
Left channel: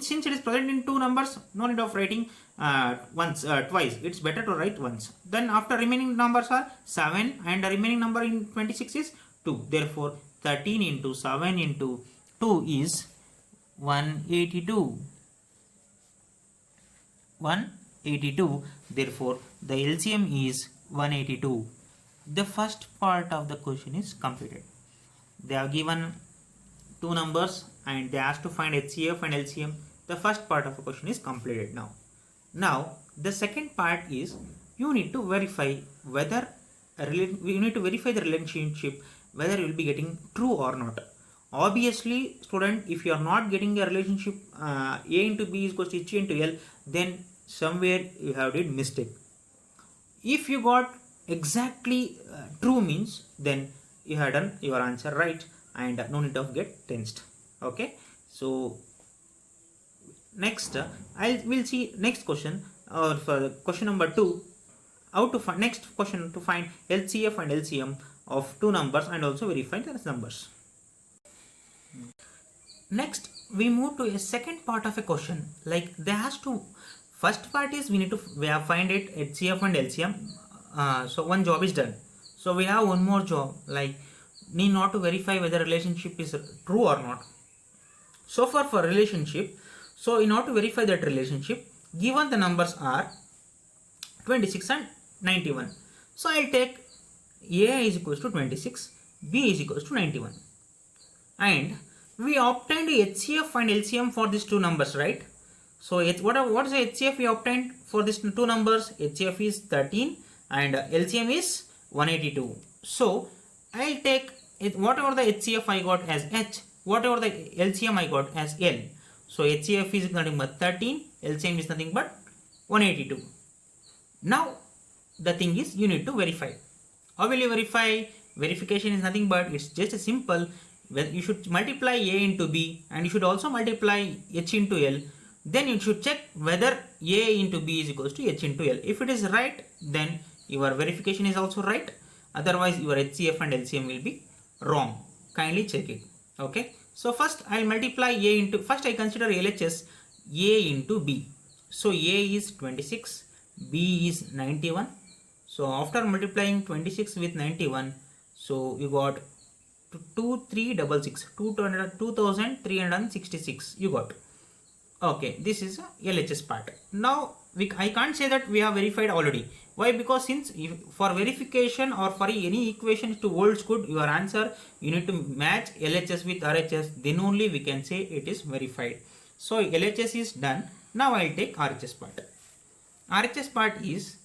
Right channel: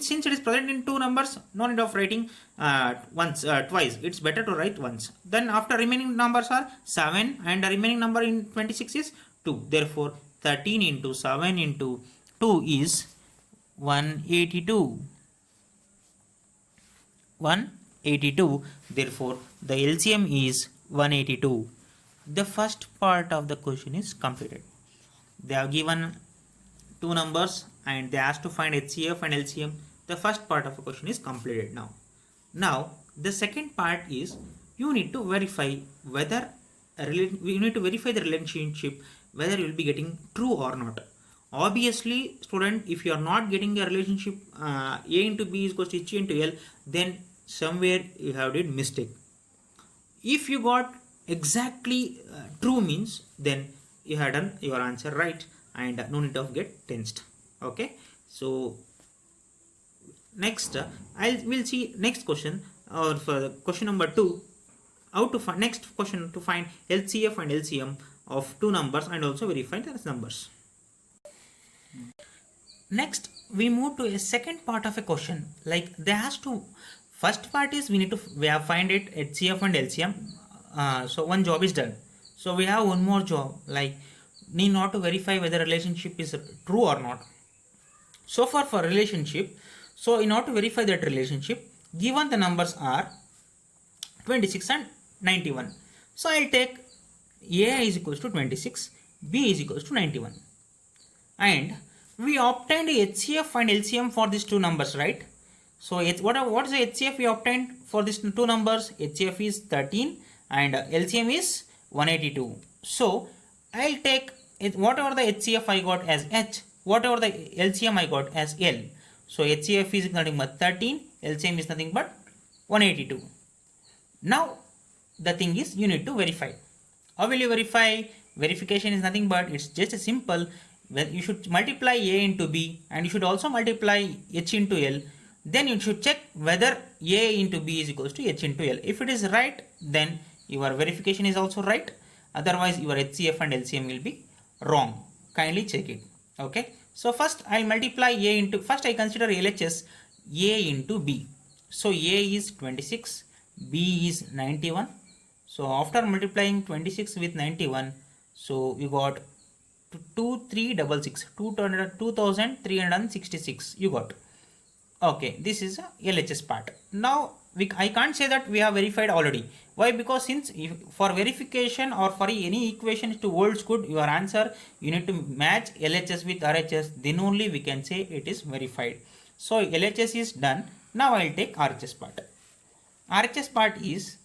since it is present in two numbers, no need of writing twice. It's better to write once. Then after remaining numbers are 7 and the remaining number in 26 is 2. Therefore 13 into 7 into 2 is 182. 182. Therefore the LCM is 182. The first part of the question is completed. They have given two numbers and they asked to find HCF and LCM. The first part of the question is completed now. Now the second part is you need to verify whether you need to verify the relationship, whether you will be getting true or not. Obviously, student, if you are not getting a relationship A into B is equals to H into L, then somewhere you have did mistake. If you got exactly true means, then you have done your answer right and no need of get tensed. Okay, so next we'll see next question, or for question number 2, how to find next question to find LCF and LCM of two numbers and also verify the numbers. Next we move to a second part of a question. Like they has to, first part is we have find it HCF and LCM. So one job is done. So we have one more job, like need not to verify whether relationship is true or not. So far for relationship, so in order to verify that relationship, given the numbers are 26 and 91. So I'll take A is equals to 26, B is equals to 91. And we obtained HCF and LCM for these two numbers, right? So what is the HCF we obtained for these two numbers? HCF is 13 and LCM is 182. So I'll take it, whatever the HCF I got as H, whatever the LCM I got as L. So HCF is nothing but 13, LCM is nothing but 182. Now the thing is you need to verify. How will you verify? Verification is nothing but it's just a simple. Well, you should multiply A into B and you should also multiply H into L. Then you should check whether A into B is equals to H into L. If it is right, then your verification is also right. Otherwise your HCF and LCM will be wrong. Kindly check it. Okay. So first I multiply A into, first I consider LHS A into B. So A is 26, B is 91. So after multiplying 26 with 91, so you got 2366 you got. Okay, this is a LHS part. Now I can't say that we have verified already. Why? Because since for verification or for any equation to holds good your answer, you need to match LHS with RHS, then only we can say it is verified. So LHS is done. Now I'll take RHS part. RHS part is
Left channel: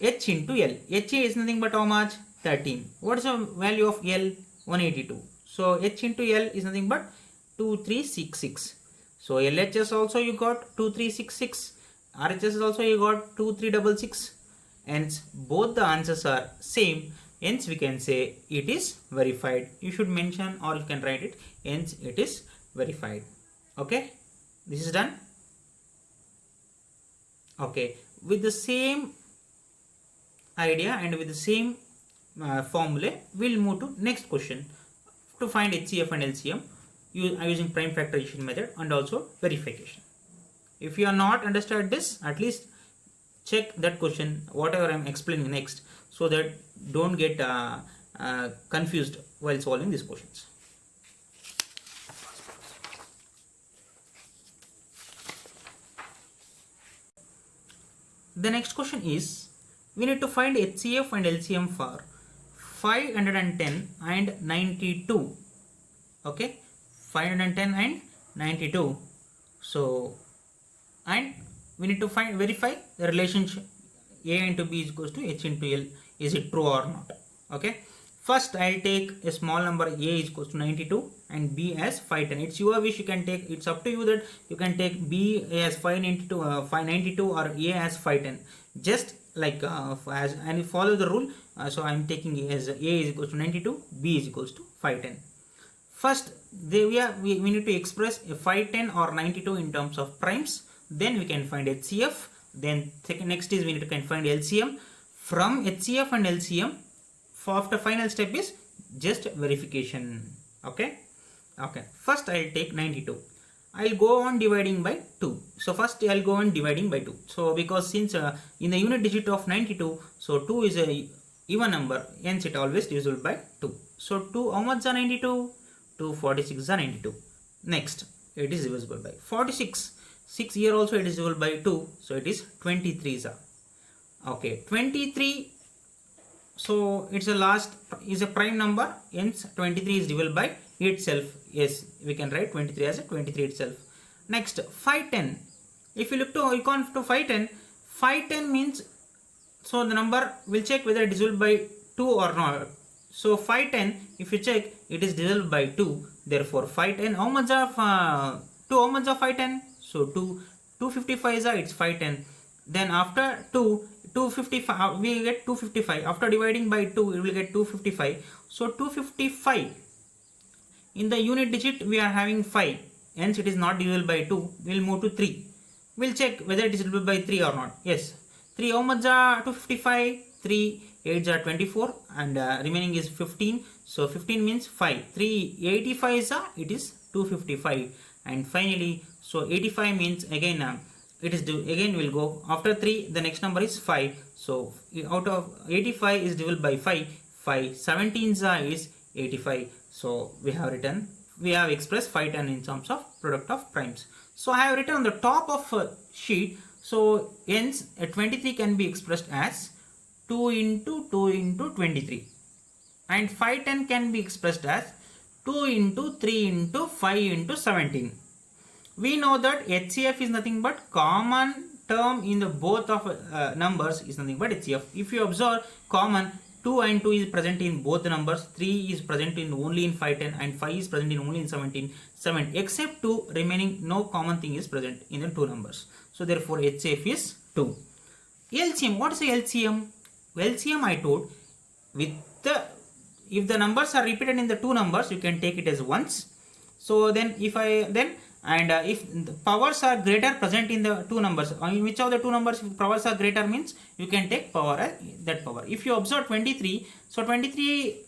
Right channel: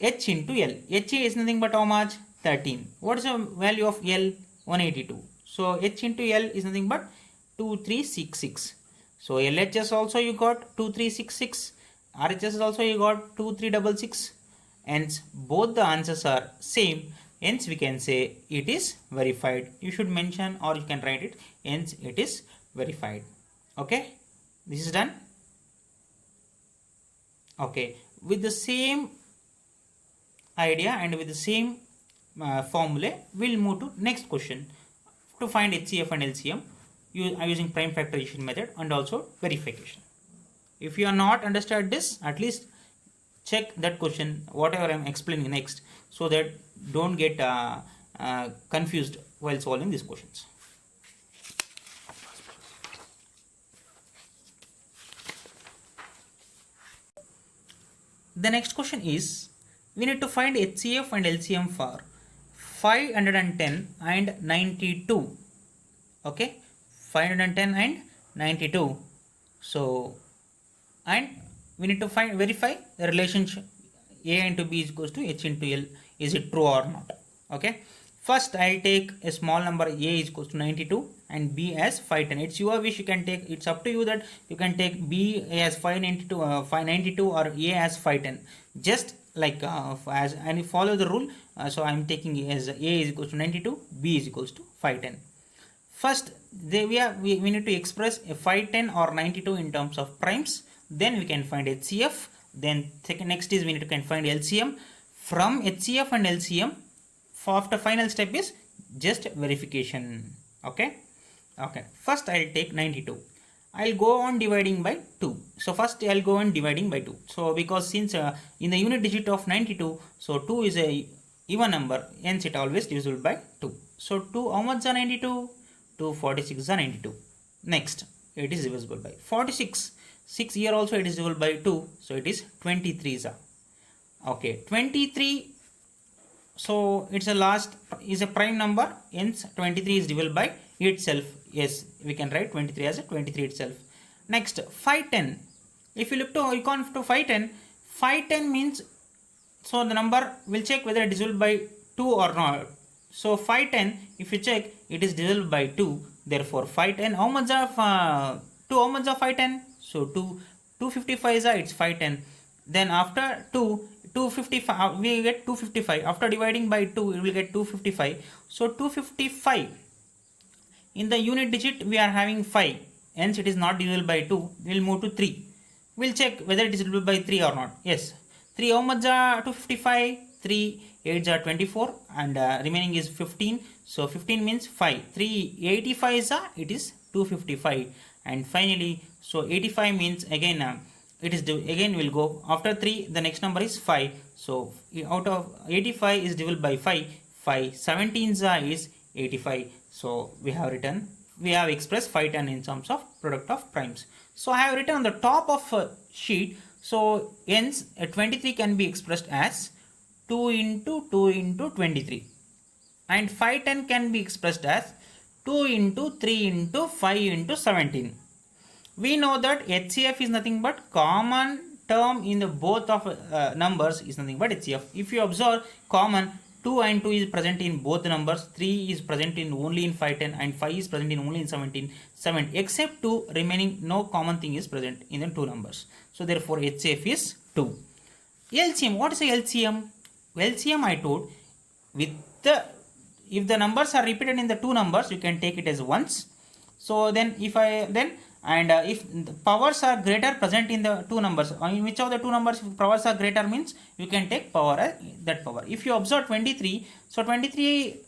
H into L. H is nothing but how much? 13. What is the value of L? 182. So H into L is nothing but 2366. So LHS also you got 2366. RHS also you got 2366. Hence both the answers are same. Hence we can say it is verified. You should mention or you can write it. Hence it is verified. Okay. This is done. Okay. With the same idea and with the same formula, we'll move to next question to find HCF and LCM using prime factorization method and also verification. If you are not understood this, at least check that question whatever I am explaining next, so that don't get confused while solving these questions. The next question is, we need to find HCF and LCM for 510 and 92. Okay, 510 and 92. So, and we need to verify the relationship A into B is equals to H into L. Is it true or not? Okay, First, I'll take a small number a is equals to 92 and b as 510. It's your wish. You can take. It's up to you that you can take b as 592, 592 or a as 510. Just like as and you follow the rule. So I'm taking as a is equals to 92, b is equals to 510. First, we need to express a 510 or 92 in terms of primes. Then we can find HCF. Then next is we need to find LCM. From HCF and LCM, after final step is just verification. Okay. First I'll take 92. I'll go on dividing by 2. So first I'll go on dividing by 2. So because since in the unit digit of 92, so 2 is a even number, hence it always divisible by 2. So 2, how much are 92? 2 46 are 92. Next, it is divisible by 46. 6 here also it is divisible by 2. So it is 23. Okay, 23. So it's a last is a prime number, hence 23 is divisible by itself. Yes, we can write 23 as a 23 itself. Next, 510. If you look to icon to 510, 510 means, so the number will check whether it is divisible by 2 or not. So 510, if you check, it is divisible by 2. Therefore 510, how much of 2, how much of 510? So 255 is it's 510. Then after 255, we get 255. After dividing by 2, we will get 255. So 255, in the unit digit we are having 5. Hence it is not divisible by 2. We will move to 3. We will check whether it is divisible by 3 or not. Yes. 3, how much are 255? 3, 8 are 24 and remaining is 15. So 15 means 5. 385 is it is 255. And finally, so 85 means again it is again will go after 3, the next number is 5. So out of 85 is divisible by 5. 5 17s is 85. So we have expressed 510 in terms of product of primes. So I have written on the top of sheet. So hence 23 can be expressed as 2 into 2 into 23, and 510 can be expressed as 2 into 3 into 5 into 17. We know that HCF is nothing but common term in the both of numbers is nothing but HCF. If you observe, common 2 and 2 is present in both the numbers, 3 is present in only in 510 and 5 is present in only in 17. 7 except 2 remaining, no common thing is present in the two numbers. So therefore HCF is 2. LCM, what is a LCM? LCM I told, with the if the numbers are repeated in the two numbers, you can take it as ones. So then if the powers are greater present in the two numbers, in which of the two numbers if powers are greater means you can take power as that power. If you observe 23, so 23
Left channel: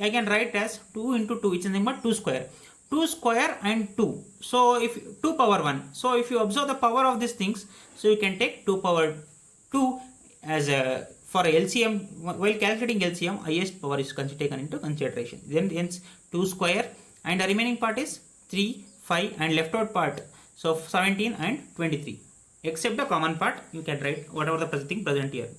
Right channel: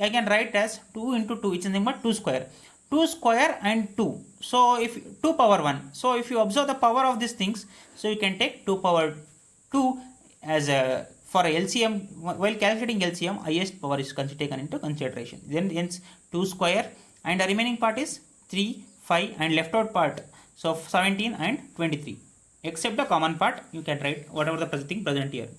I can write as 2 into 2, which is number 2 square. 2 square and 2. So if 2 power 1. So if you observe the power of these things, so you can take 2 power 2 as a for LCM. While calculating LCM, highest power is taken into consideration. Then hence 2 square and the remaining part is 3, 5 and left out part. So 17 and 23. Except the common part, you can write whatever the thing present here.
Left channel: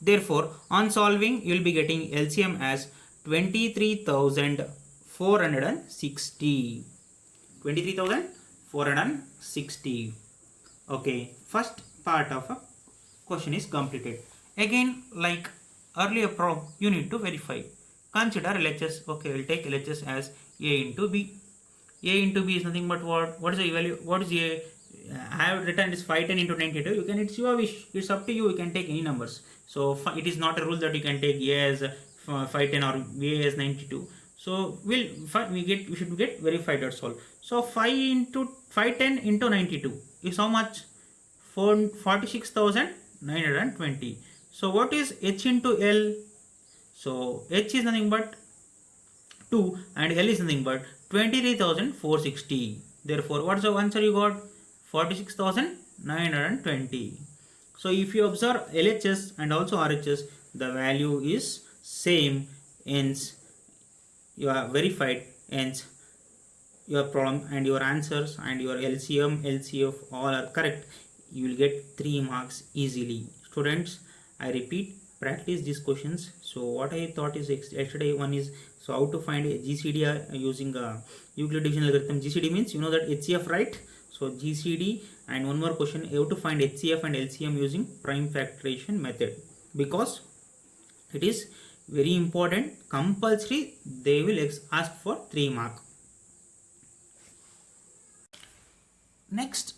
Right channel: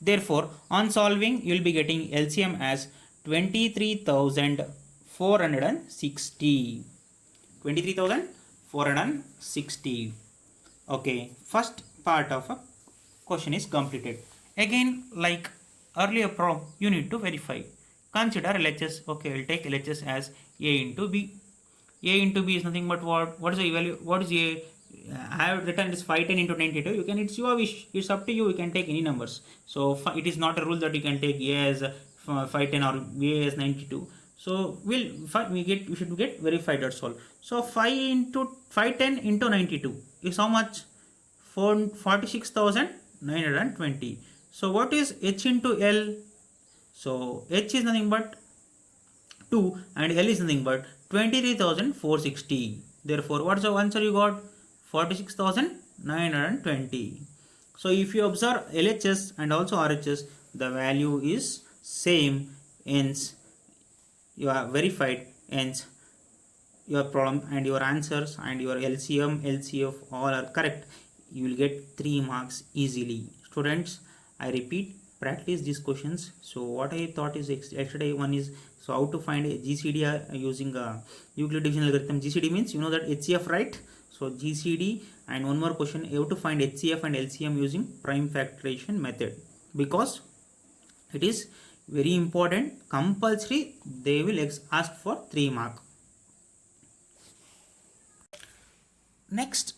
Therefore, on solving, you will be getting LCM as 23,460. 23,460. Okay, first part of a question is completed. Again, like earlier problem, you need to verify. Consider LHS. Okay, we'll take LHS as A into B. A into B is nothing but what? What is the value? What is A? I have written this 510 into 92. You can, it's your wish. It's up to you. You can take any numbers. So it is not a rule that you can take A as 510 or A as 92. So we should get verified, that's all. So 510 into 92 is how much? 46,920. So what is H into L? So H is nothing but 2 and L is nothing but 23,460. Therefore, what's the answer you got? 46,920. So if you observe LHS and also RHS, the value is same, hence you are verified, hence your problem and your answers and your LCM, LCF all are correct. You will get 3 marks easily. Students, I repeat, practice these questions. So what I thought is yesterday one is, so how to find a GCD using Euclid division algorithm. GCD means you know that HCF, right? So GCD, and one more question, you have to find HCF and LCM using prime factorization method, because it is Very important, compulsory they will ask for 3 mark. Next,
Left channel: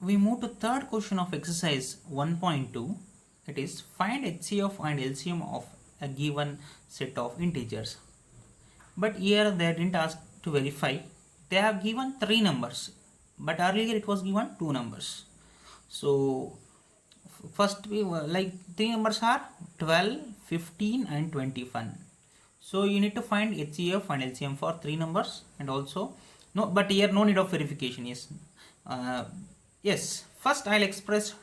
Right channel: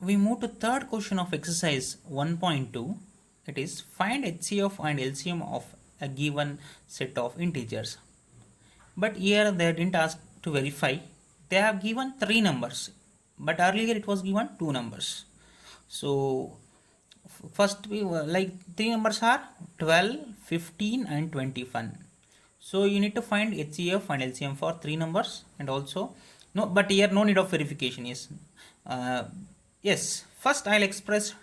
we move to third question of exercise 1.2. It is find HCF and LCM of a given set of integers. But here they didn't ask to verify. They have given 3 numbers, but earlier it was given 2 numbers. So first we like 3 numbers are 12, 15 and 21. So you need to find HCF and LCM for 3 numbers, and also no, but here no need of verification. Yes, first I'll express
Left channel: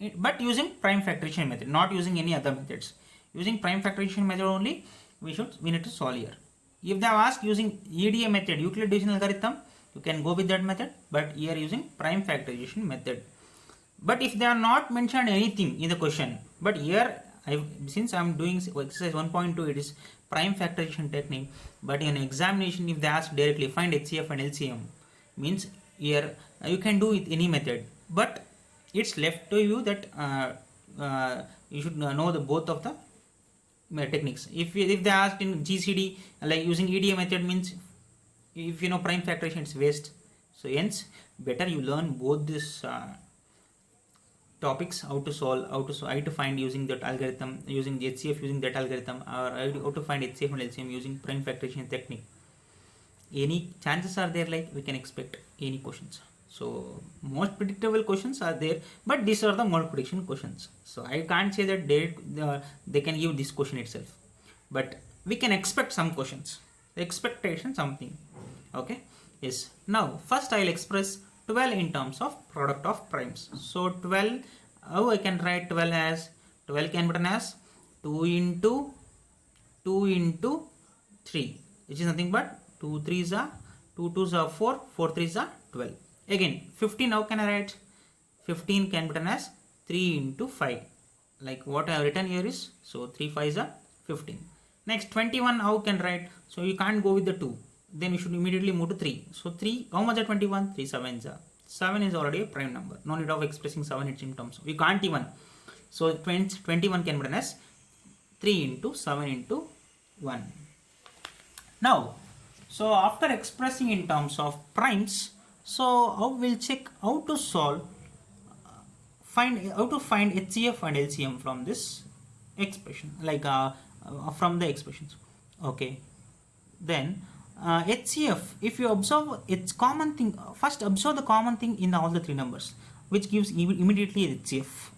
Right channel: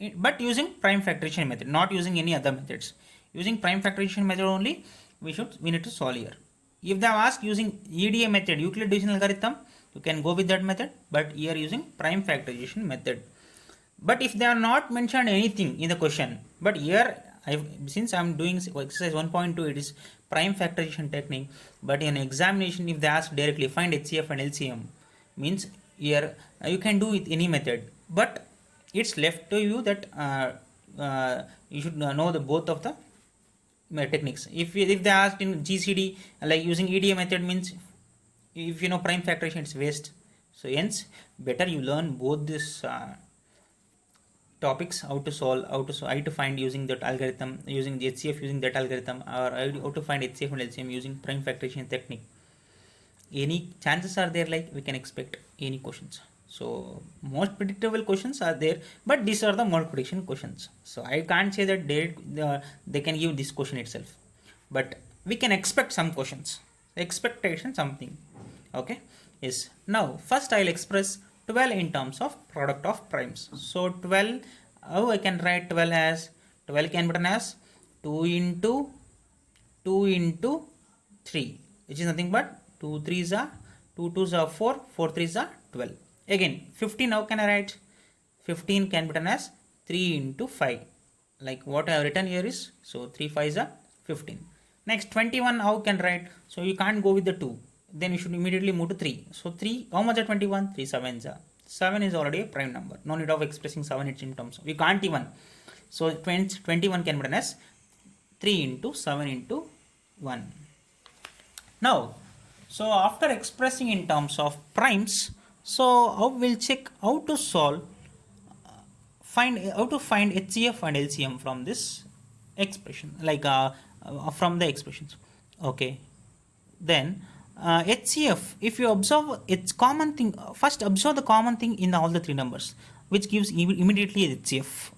it, but using prime factorization method, not using any other methods. Using prime factorization method only we need to solve here. If they have asked using EDA method, Euclid division algorithm, you can go with that method, but here using prime factorization method. But if they are not mentioned anything in the question, but here since I am doing exercise 1.2, it is prime factorization technique, but in examination if they ask directly find HCF and LCM, means here you can do it any method, but it's left to you that you should know the both of the techniques. If they asked in GCD like using EDA method, means if you know prime factorization it's waste. So hence better you learn both this topics, how to solve, how to find using that algorithm, using HCF using that algorithm, or how to find HCF and LCM using prime factorization technique. Any chances are there, like we can expect any questions. So most predictable questions are there, but these are the most prediction questions. So I can't say that they can give this question itself, but we can expect some questions. Expectation something. Okay. Yes. Now first I'll express 12 in terms of product of primes. So 12, how I can write 12 as 12 can be written as 2 into 3, which is nothing but 2 3s are 2 2s are 4, 4 3s are 12. Again 15, how can I write? 15 can be written as 3 into 5, like what I have written here is, so 3 5s are 15. Next 21, how can I write? So you can't go with the 2, then you should immediately move to 3. So 3, how much are 21? 3 7s are. 7 is already a prime number. No need of expressing 7 in terms of, we can't even. So 21 can be written as 3 into 7 into 1. Now, so after expressing in terms of primes, so we'll check how to solve, how to find HCF and LCM from this expression, like from the expressions. Okay, then HCF, if you observe its common thing, first observe the common thing in all the 3 numbers, which gives immediately HCF.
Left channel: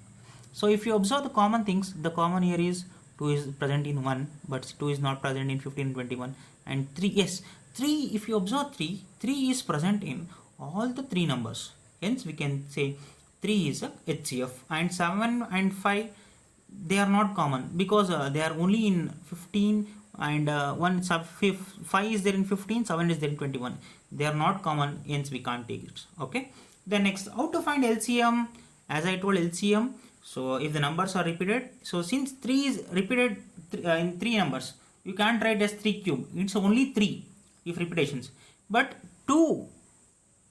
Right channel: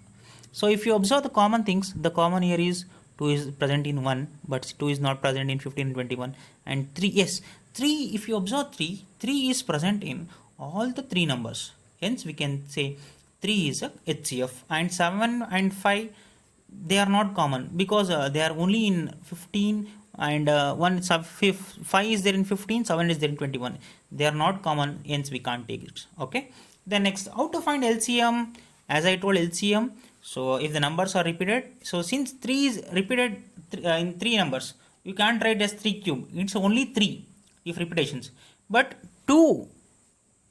So if you observe the common things, the common here is 2 is present in 1, but 2 is not present in 15 and 21, and 3, yes, 3, if you observe 3 is present in all the 3 numbers. Hence we can say 3 is a HCF, and 7 and 5, they are not common because they are only in 15, and 5 is there in 15, 7 is there in 21. They are not common, hence we can't take it. Okay. Then next, how to find LCM? As I told, LCM, so if the numbers are repeated, so since 3 is repeated in 3 numbers, you can't write as 3 cube. It's only 3 if repetitions, but 2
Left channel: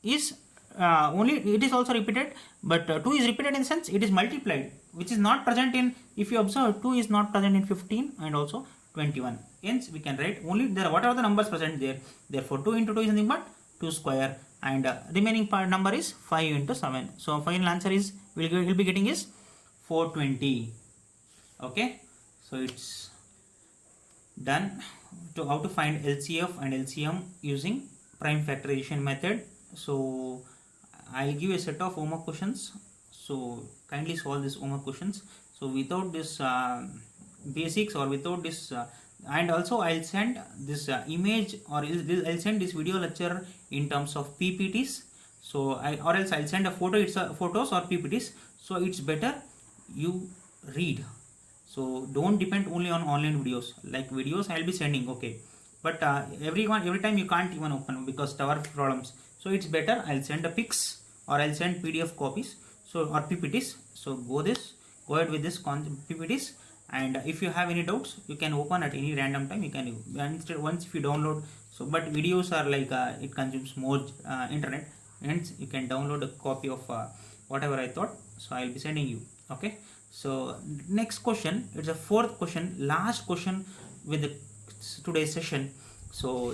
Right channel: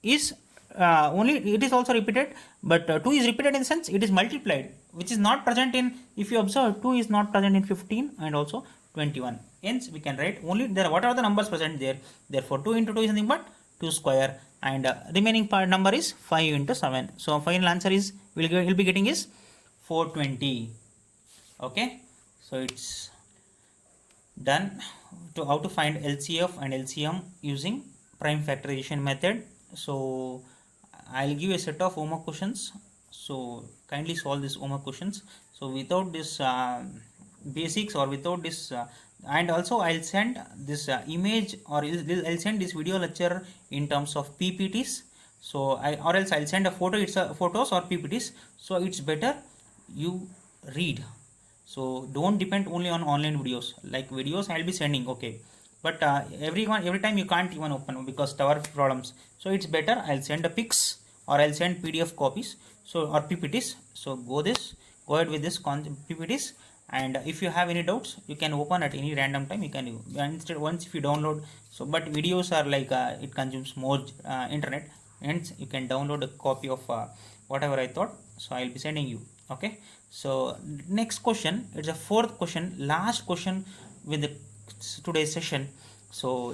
is only, it is also repeated, but 2 is repeated in the sense it is multiplied, which is not present in, if you observe, 2 is not present in 15 and also 21. Hence we can write only there what are the numbers present there. Therefore 2 into 2 is nothing but 2 square, and remaining part number is 5 into 7. So final answer is we'll be getting is 420. Okay, so it's done to how to find LCF and LCM using prime factorization method. So I'll give you a set of homework questions, so kindly solve these homework questions. So without this basics, or without this and also I'll send this image, or I'll send this video lecture in terms of PPTs. So or else I'll send a photo, it's photos or PPTs. So it's better you read. So don't depend only on online videos. Like videos I'll be sending, okay, but every time you can't even open because tower problems. So it's better I'll send a pics, or I'll send PDF copies, so or PPTs. So go ahead with this PPTs, and if you have any doubts, you can open at any random time. You can instead once if you download. So but videos are like it consumes more internet, hence you can download a copy of whatever I thought. So I'll be sending you. Okay. So next question, it's a fourth question, last question with today's session. So